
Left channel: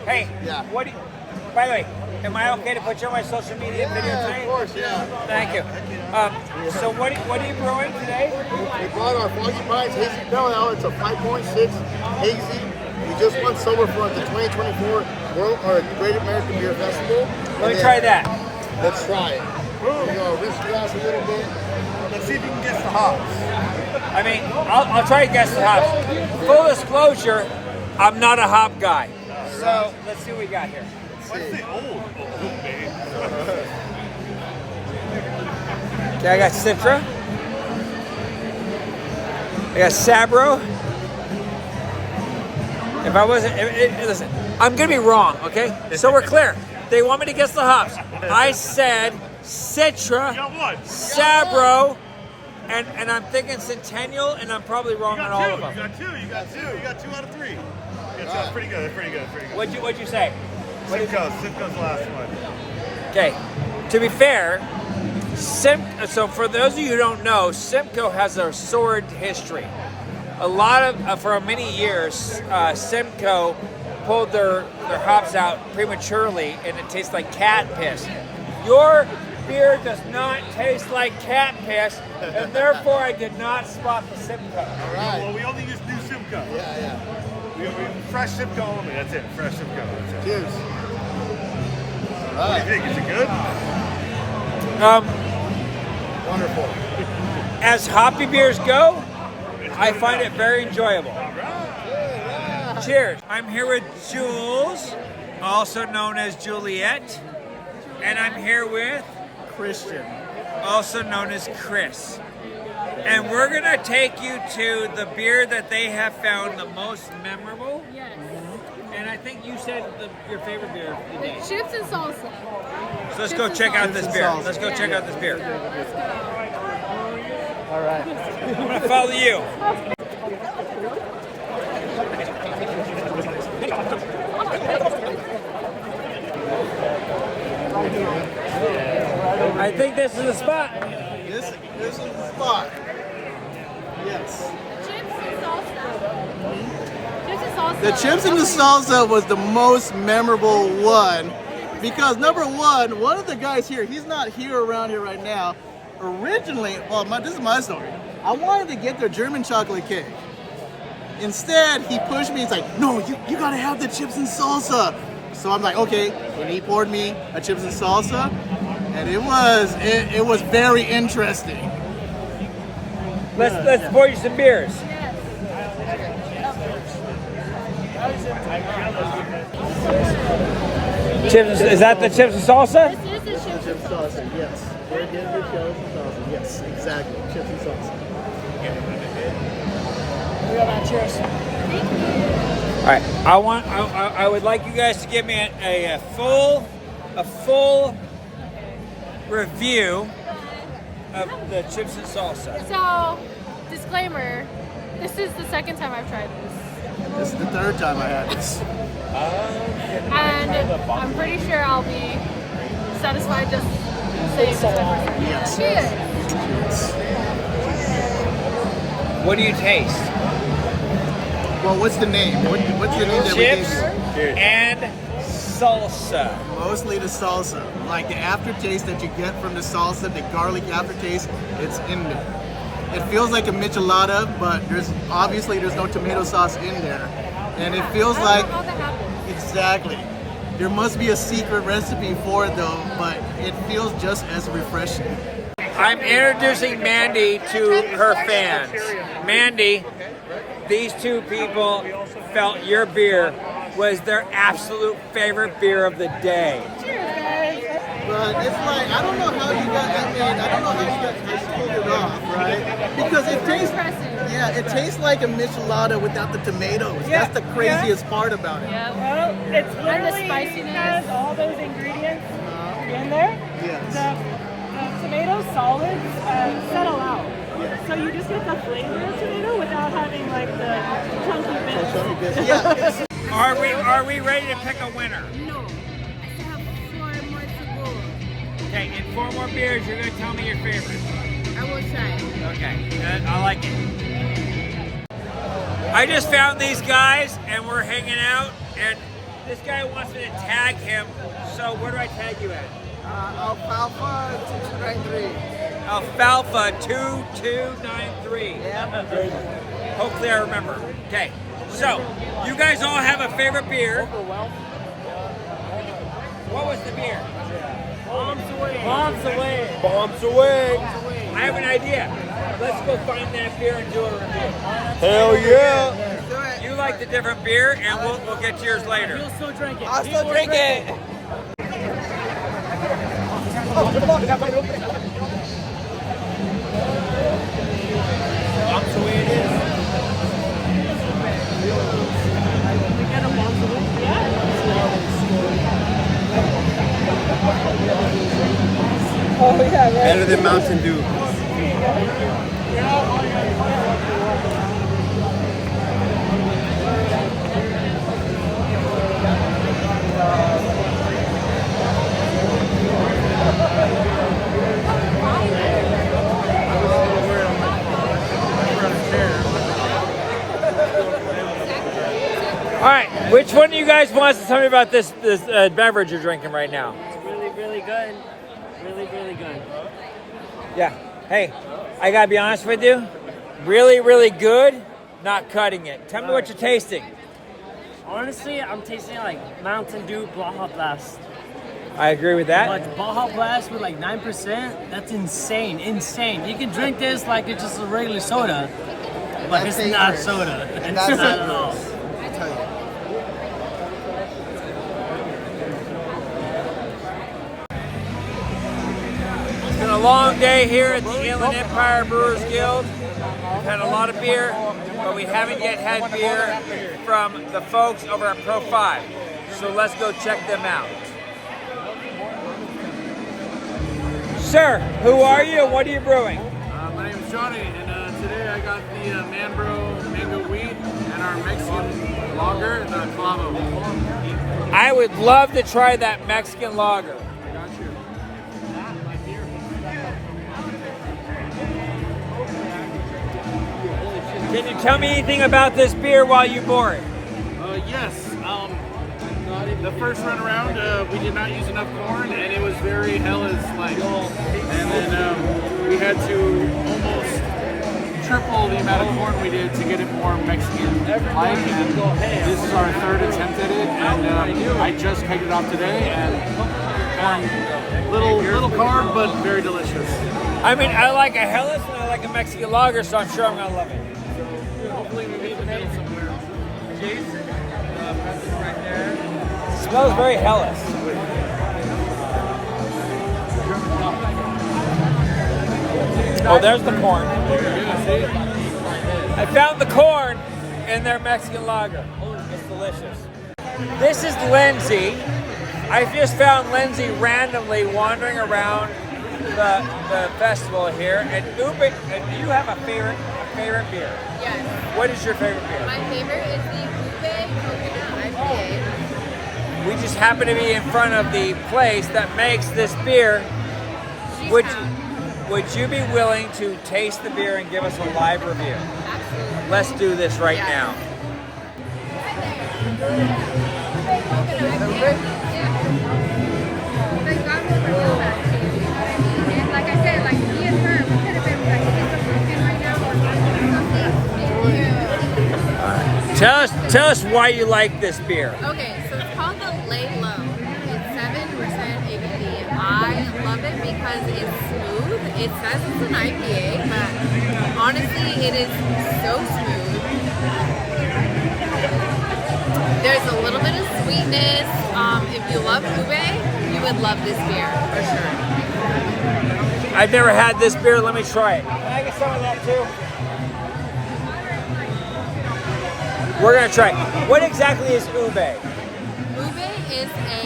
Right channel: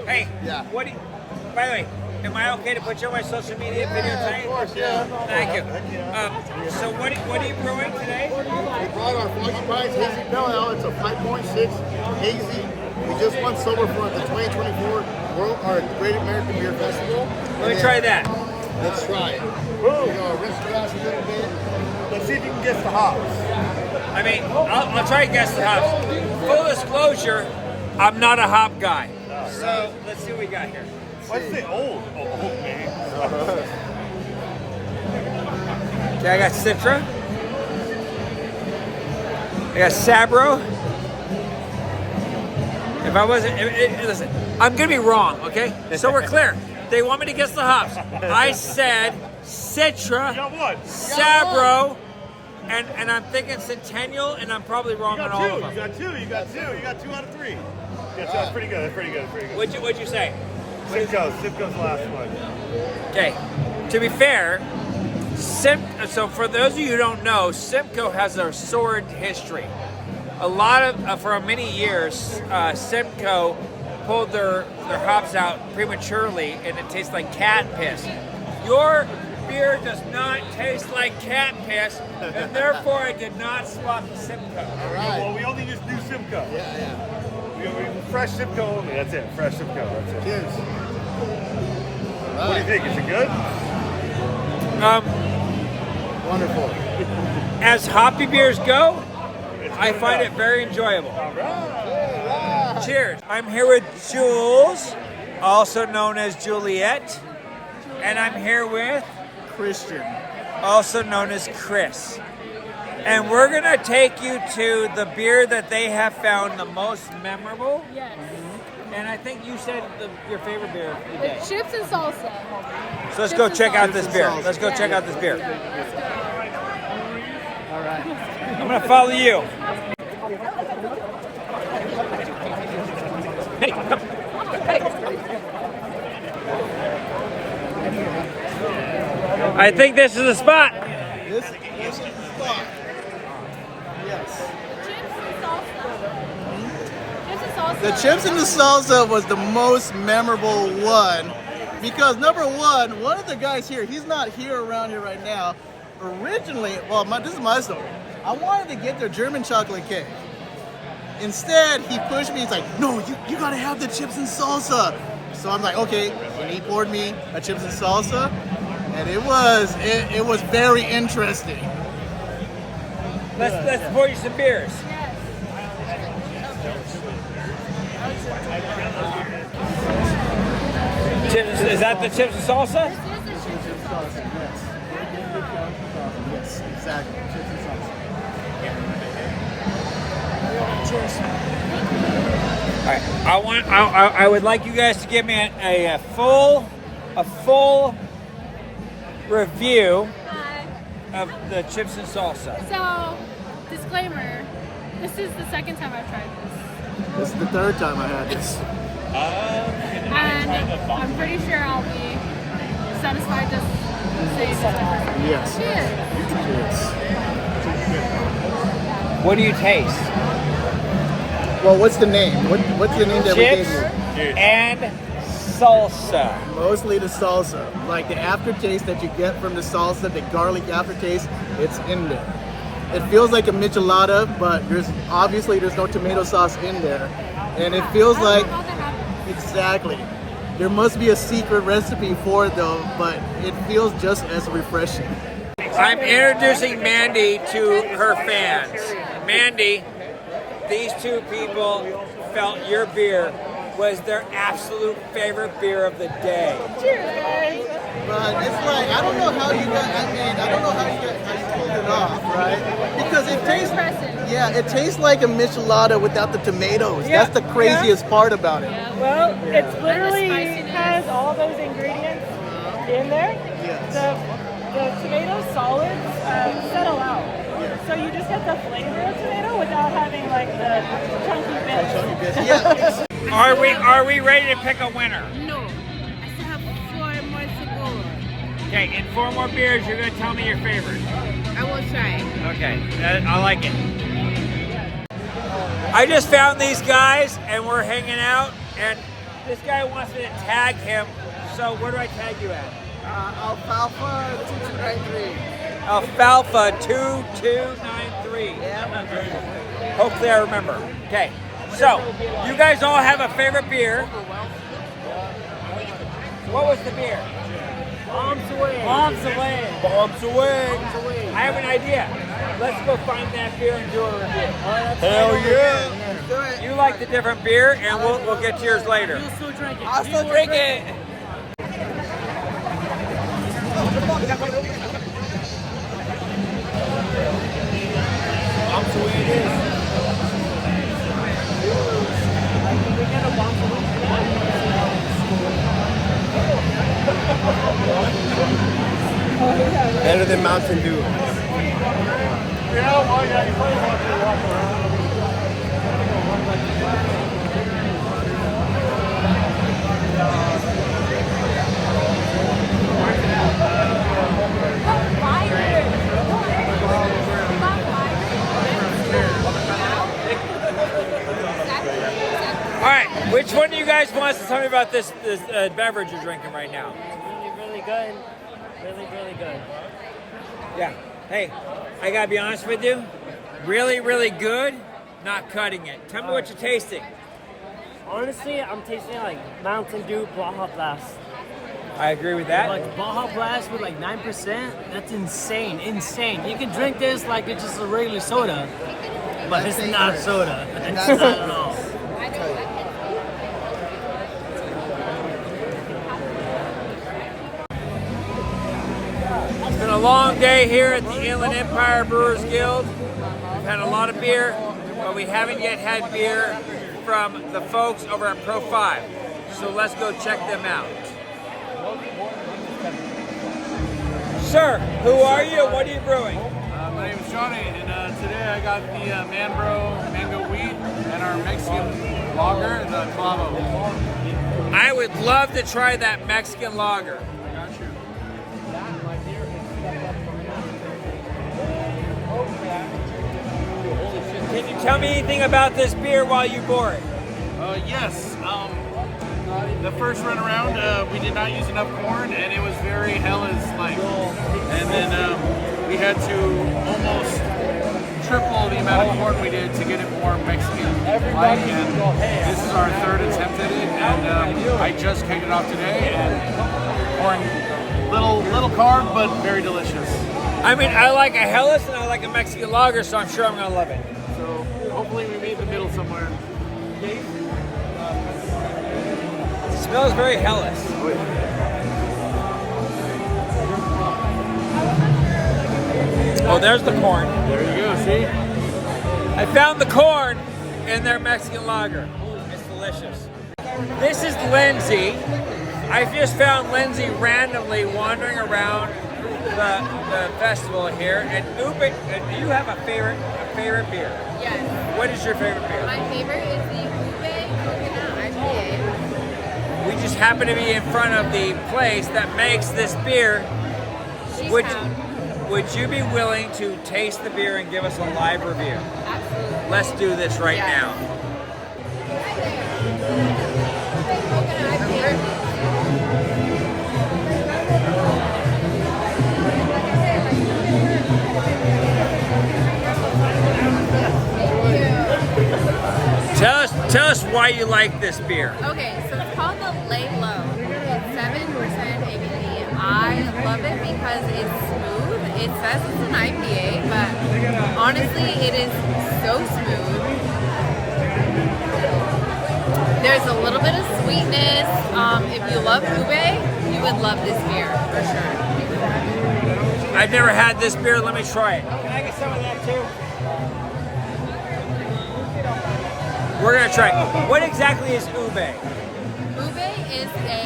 Hey, Hey, what do you, by the way, Am I okay to put you on my social media video tonight? Of course, yeah. Thank you. So what are you brewing today? We brought our Foggy Pines Hazy Pale Ale. It's a 5.6 hazy. We just won Silverfront, the 2024 Great American Beer Festival. Let me try that. Let's try it. Rinse the glass a little bit. Let's see if you can guess the hops. I mean, I'll try to guess the hops. Full disclosure, I'm not a hop guy. So let's see what we got here. Let's say old. Okay, I got Citra. I got Sabro. If I wasn't, listen, I'm gonna be wrong, okay? So we're clear. They want me to guess the hops. I said Citra, Sabro, and I'm thinking Centennial, and I'm probably wrong on all of them. You got two out of three. That's pretty good. What'd you say? Simcoe's last one. Okay, to be fair, so for those of you who don't know, Simcoe has a sordid history. A lot of, for many years, Simcoe pulled their hops out prematurely, and it tastes like cat piss. Your beer does not taste like cat piss, and therefore I did not spot the Simcoe. All right. Well, we only use new Simcoe. Yeah. We fresh Simcoe only. That's it. Fresh Simcoe. That's it. Cheers. All right. What do you think? Is it good? Wonderful. As hoppy beers go, I find it very enjoyable. Cheers. I'm here with Julz, also known as Juliet, and I'm here with Christian, also known as Chris. And we're gonna take you to the beer that they have found the most memorable. Yes. And I think you said your favorite beer of the The day. chips and salsa. So let's go check out this beer. Let's go check out this beer. Let's go. All right. I'm gonna follow you. I think this is the spot. This is the spot. Yes. Chips and salsa. Chips and salsa. The chips and the salsa was the most memorable one because number one of the guys here, he's not here around here right now. Originally, this is my story. I wanted to get their German chocolate cake. Instead, he pushed me. He's like, "No, you gotta have the chips and salsa." So I'm like, "Okay," and he poured me a chips and salsa, and it was very interesting. Let's pour you some beers. Yes. Chips, is that the chips and salsa? This is the chips and salsa. Salsa, yes. Very good chips and salsa. Yes, exactly. Chips and salsa. Cheers. All right, I would like you guys to give me a full review of the chips and salsa. So, disclaimer, this is the second time I've tried this. This is the third time I had this. And I'm pretty sure I'll be satisfied just the same. Yes. Cheers. What do you taste? Well, what's the name? What's the name that we gave Chips you? and salsa. Mostly the salsa. Like the aftertaste that you get from the salsa, the garlic aftertaste, it's in there. It feels like a michelada, but there's no tomato sauce in there. And it feels like, exactly. There must be a secret recipe for it though, but it feels just as refreshing. I'm introducing Mandy to her fans. Mandy, these two people felt your beer was their absolute favorite beer of the day. Cheers, guys. But it's like, I don't know how you pulled it off, right? Because it tastes, it tastes like a michelada without the tomatoes. Yeah, That's the craziest part about it. Well, it literally has all those ingredients in there. The tomato solids settle out. So you just get the flavor of tomato without having like the chunky bits. Are we ready to pick a winner? No, I still have 4 more to go. Okay, in 4 more beers, you're gonna tell me your favorite. I will try. Okay, I like it. I just found these guys and we're hanging out, and this guy wants me to tag him So where do I tag you at? Alfalfa 2293. Alfalfa 2293. Yeah. Hopefully I remember. Okay. So, you guys all have a favorite beer. What was the beer? Bombs away. Bombs away. Bombs away. I have an idea. Let's go find that beer and do a review. Hell yeah. Let's do it. You like the different beer, and we'll get yours later. You'll still drink it. I'll still drink it. Bombs the way it is. Can we get a bombs away? Yeah. See how they score. Oh, yeah, right. Better than Mountain Dew. All right, which one of you guys wants to tell me about this beverage you're drinking right now? Really, really good. Really, really good. Yeah. Hey, I gotta be honest with you. Really, really good. Not cutting it. Tell me what you're tasting. Honestly, I'm tasting like Mountain Dew Baja Blast. I agree with that. Like Baja Blast with like 9%, that's insane, insane. You can drink this like it's just a regular soda, but it's not soda. It's not at all. I tell you. It's been a long day here at the Inland Empire Brewers Guild. We've had a lot of beer, but we haven't yet had beer from the folks over at Pro Five. So let's go check them out. Sir, who are you and what are you brewing? My name is Johnny, and today I got the Manbro Mango Wheat and our Mexican lager and the clavo. I would love to try that Mexican lager. I got you. Can you tell me anything about this beer while you pour it? Yes. The first run around, we did not use enough corn, and it was very Hellas-like. And then we had to almost triple the amount of corn we did to get it more Mexican-like. And this is our third attempt at it, and I just kegged it off today. And corn, little carb, but very delicious. I mean, I like a Hellas and I like a Mexican lager, so I'm sure I'm gonna love it. So hopefully we meet in the middle somewhere. It smells very Hellas. Oh, there's the corn. There you go, see? I found the corn in their Mexican lager. It's delicious. This is Lindsey. I just found Lindsey randomly wandering around the festival here. And Ube, do you have a favorite beer? Yes. What is your favorite beer? My favorite is the Ube Coconut IPA. We just happen to be in front of the place that makes this beer. Would you be willing to taste the beer and give us a live review? Absolutely. Let's do this right now. And like I said, like me and her, we could have been like right now. Tell us why you like this beer. Okay, so it's called the Lay Low. It's 7% ABV. I love it because it's smooth. It says it's an IPA, but honestly, it is so smooth. There's a little bit of sweetness. If you love ube, you would love this beer for sure. I've never had this beer. Let me try it. Can I get some of that too? We're gonna try it. What exactly is ube? Ube is a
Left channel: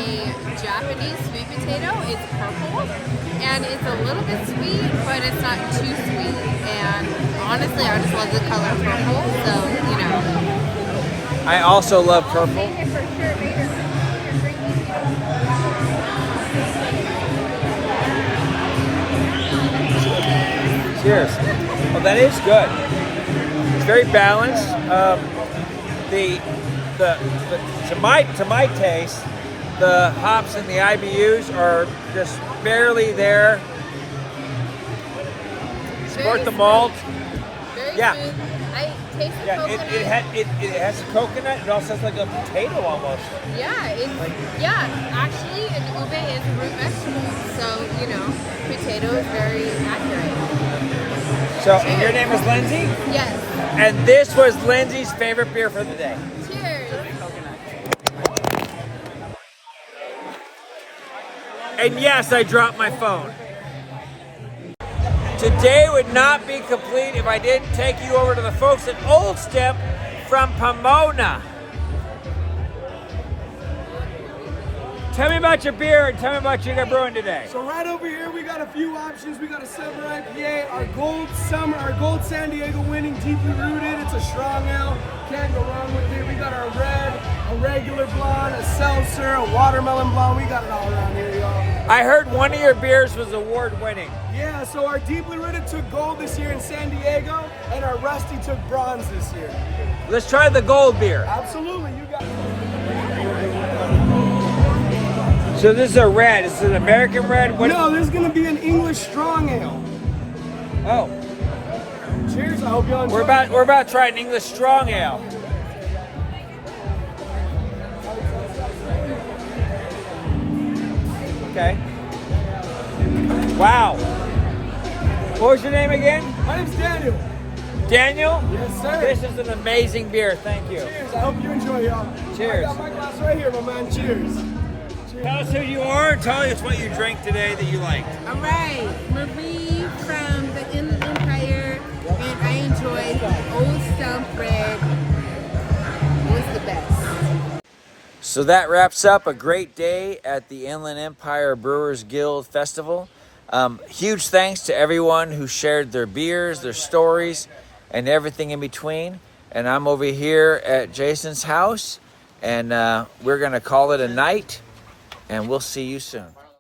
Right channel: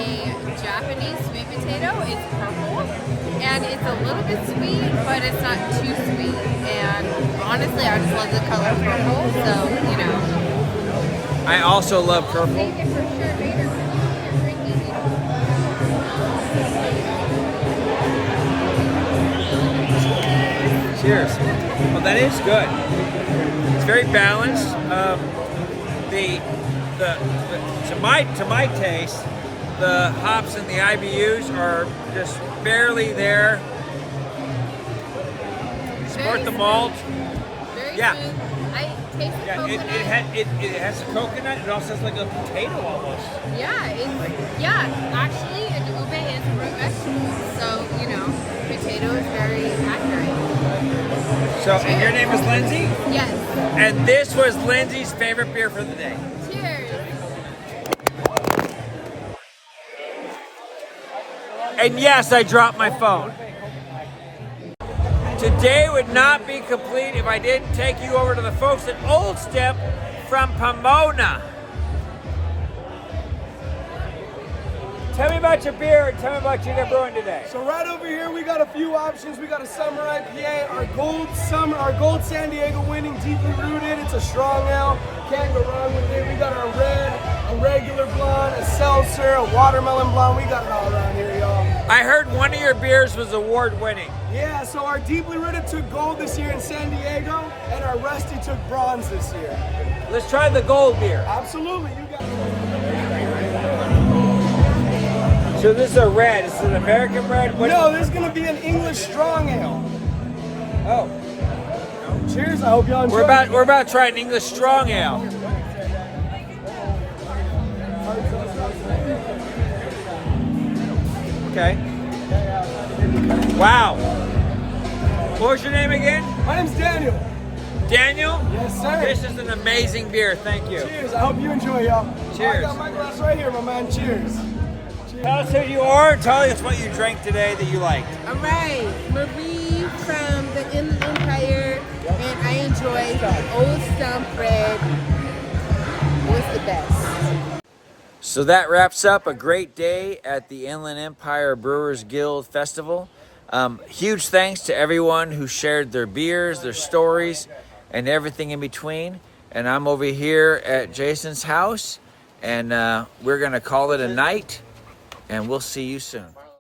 Japanese sweet potato. It's purple, and it's a little bit sweet, but it's not too sweet. And honestly, I just love the color purple, so you know. I also love purple. Cheers. Well, that is good. It's very balanced. To my taste, The hops and the IBUs are just barely there. Support the malt. Very Yeah. smooth. I taste the Yeah, coconut. it has a coconut. It also has like a potato almost. Actually, an ube is a root vegetable, so you know, potato is very accurate. So, and your name is Lindsey? Yes. And this was Lindsey's favorite beer for the day. Cheers. And yes, I dropped my phone. Today would not be complete if I didn't take you over to the folks at Old Stump from Pomona. Tell me about your beer and tell me about what you're brewing today. So right over here, we got a few options. We got a summer IPA, our gold San Diego winning, deeply rooted. It's a strong ale. Can't go wrong with it. We got our red, a regular blonde, a seltzer, a watermelon blonde. We got it all around here, y'all. I heard one of your beers was award winning. Yeah, so our deeply rooted took gold this year in San Diego, and our rusty took bronze this year. Let's try the gold beer. Absolutely, you got. So this is a red. This is an American red. No, this is gonna be an English strong ale. No. Cheers! I hope you enjoy. We're about to try an English strong ale. Okay. Wow. What was your name again? My name's Daniel. Daniel? Yes, sir. This is an amazing beer. Thank you. Cheers! I hope you enjoy, y'all. Cheers. I got my glass right here, my man. Cheers. Tell us who you are and tell us what you drank today that you liked. All right, Marie from the Inland Empire, and I enjoyed Old Stump Red. It was the best. So that wraps up a great day at the Inland Empire Brewers Guild Festival. Huge thanks to everyone who shared their beers, their stories, and everything in between. And I'm over here at Jason's house, and we're going to call it a night, and we'll see you soon.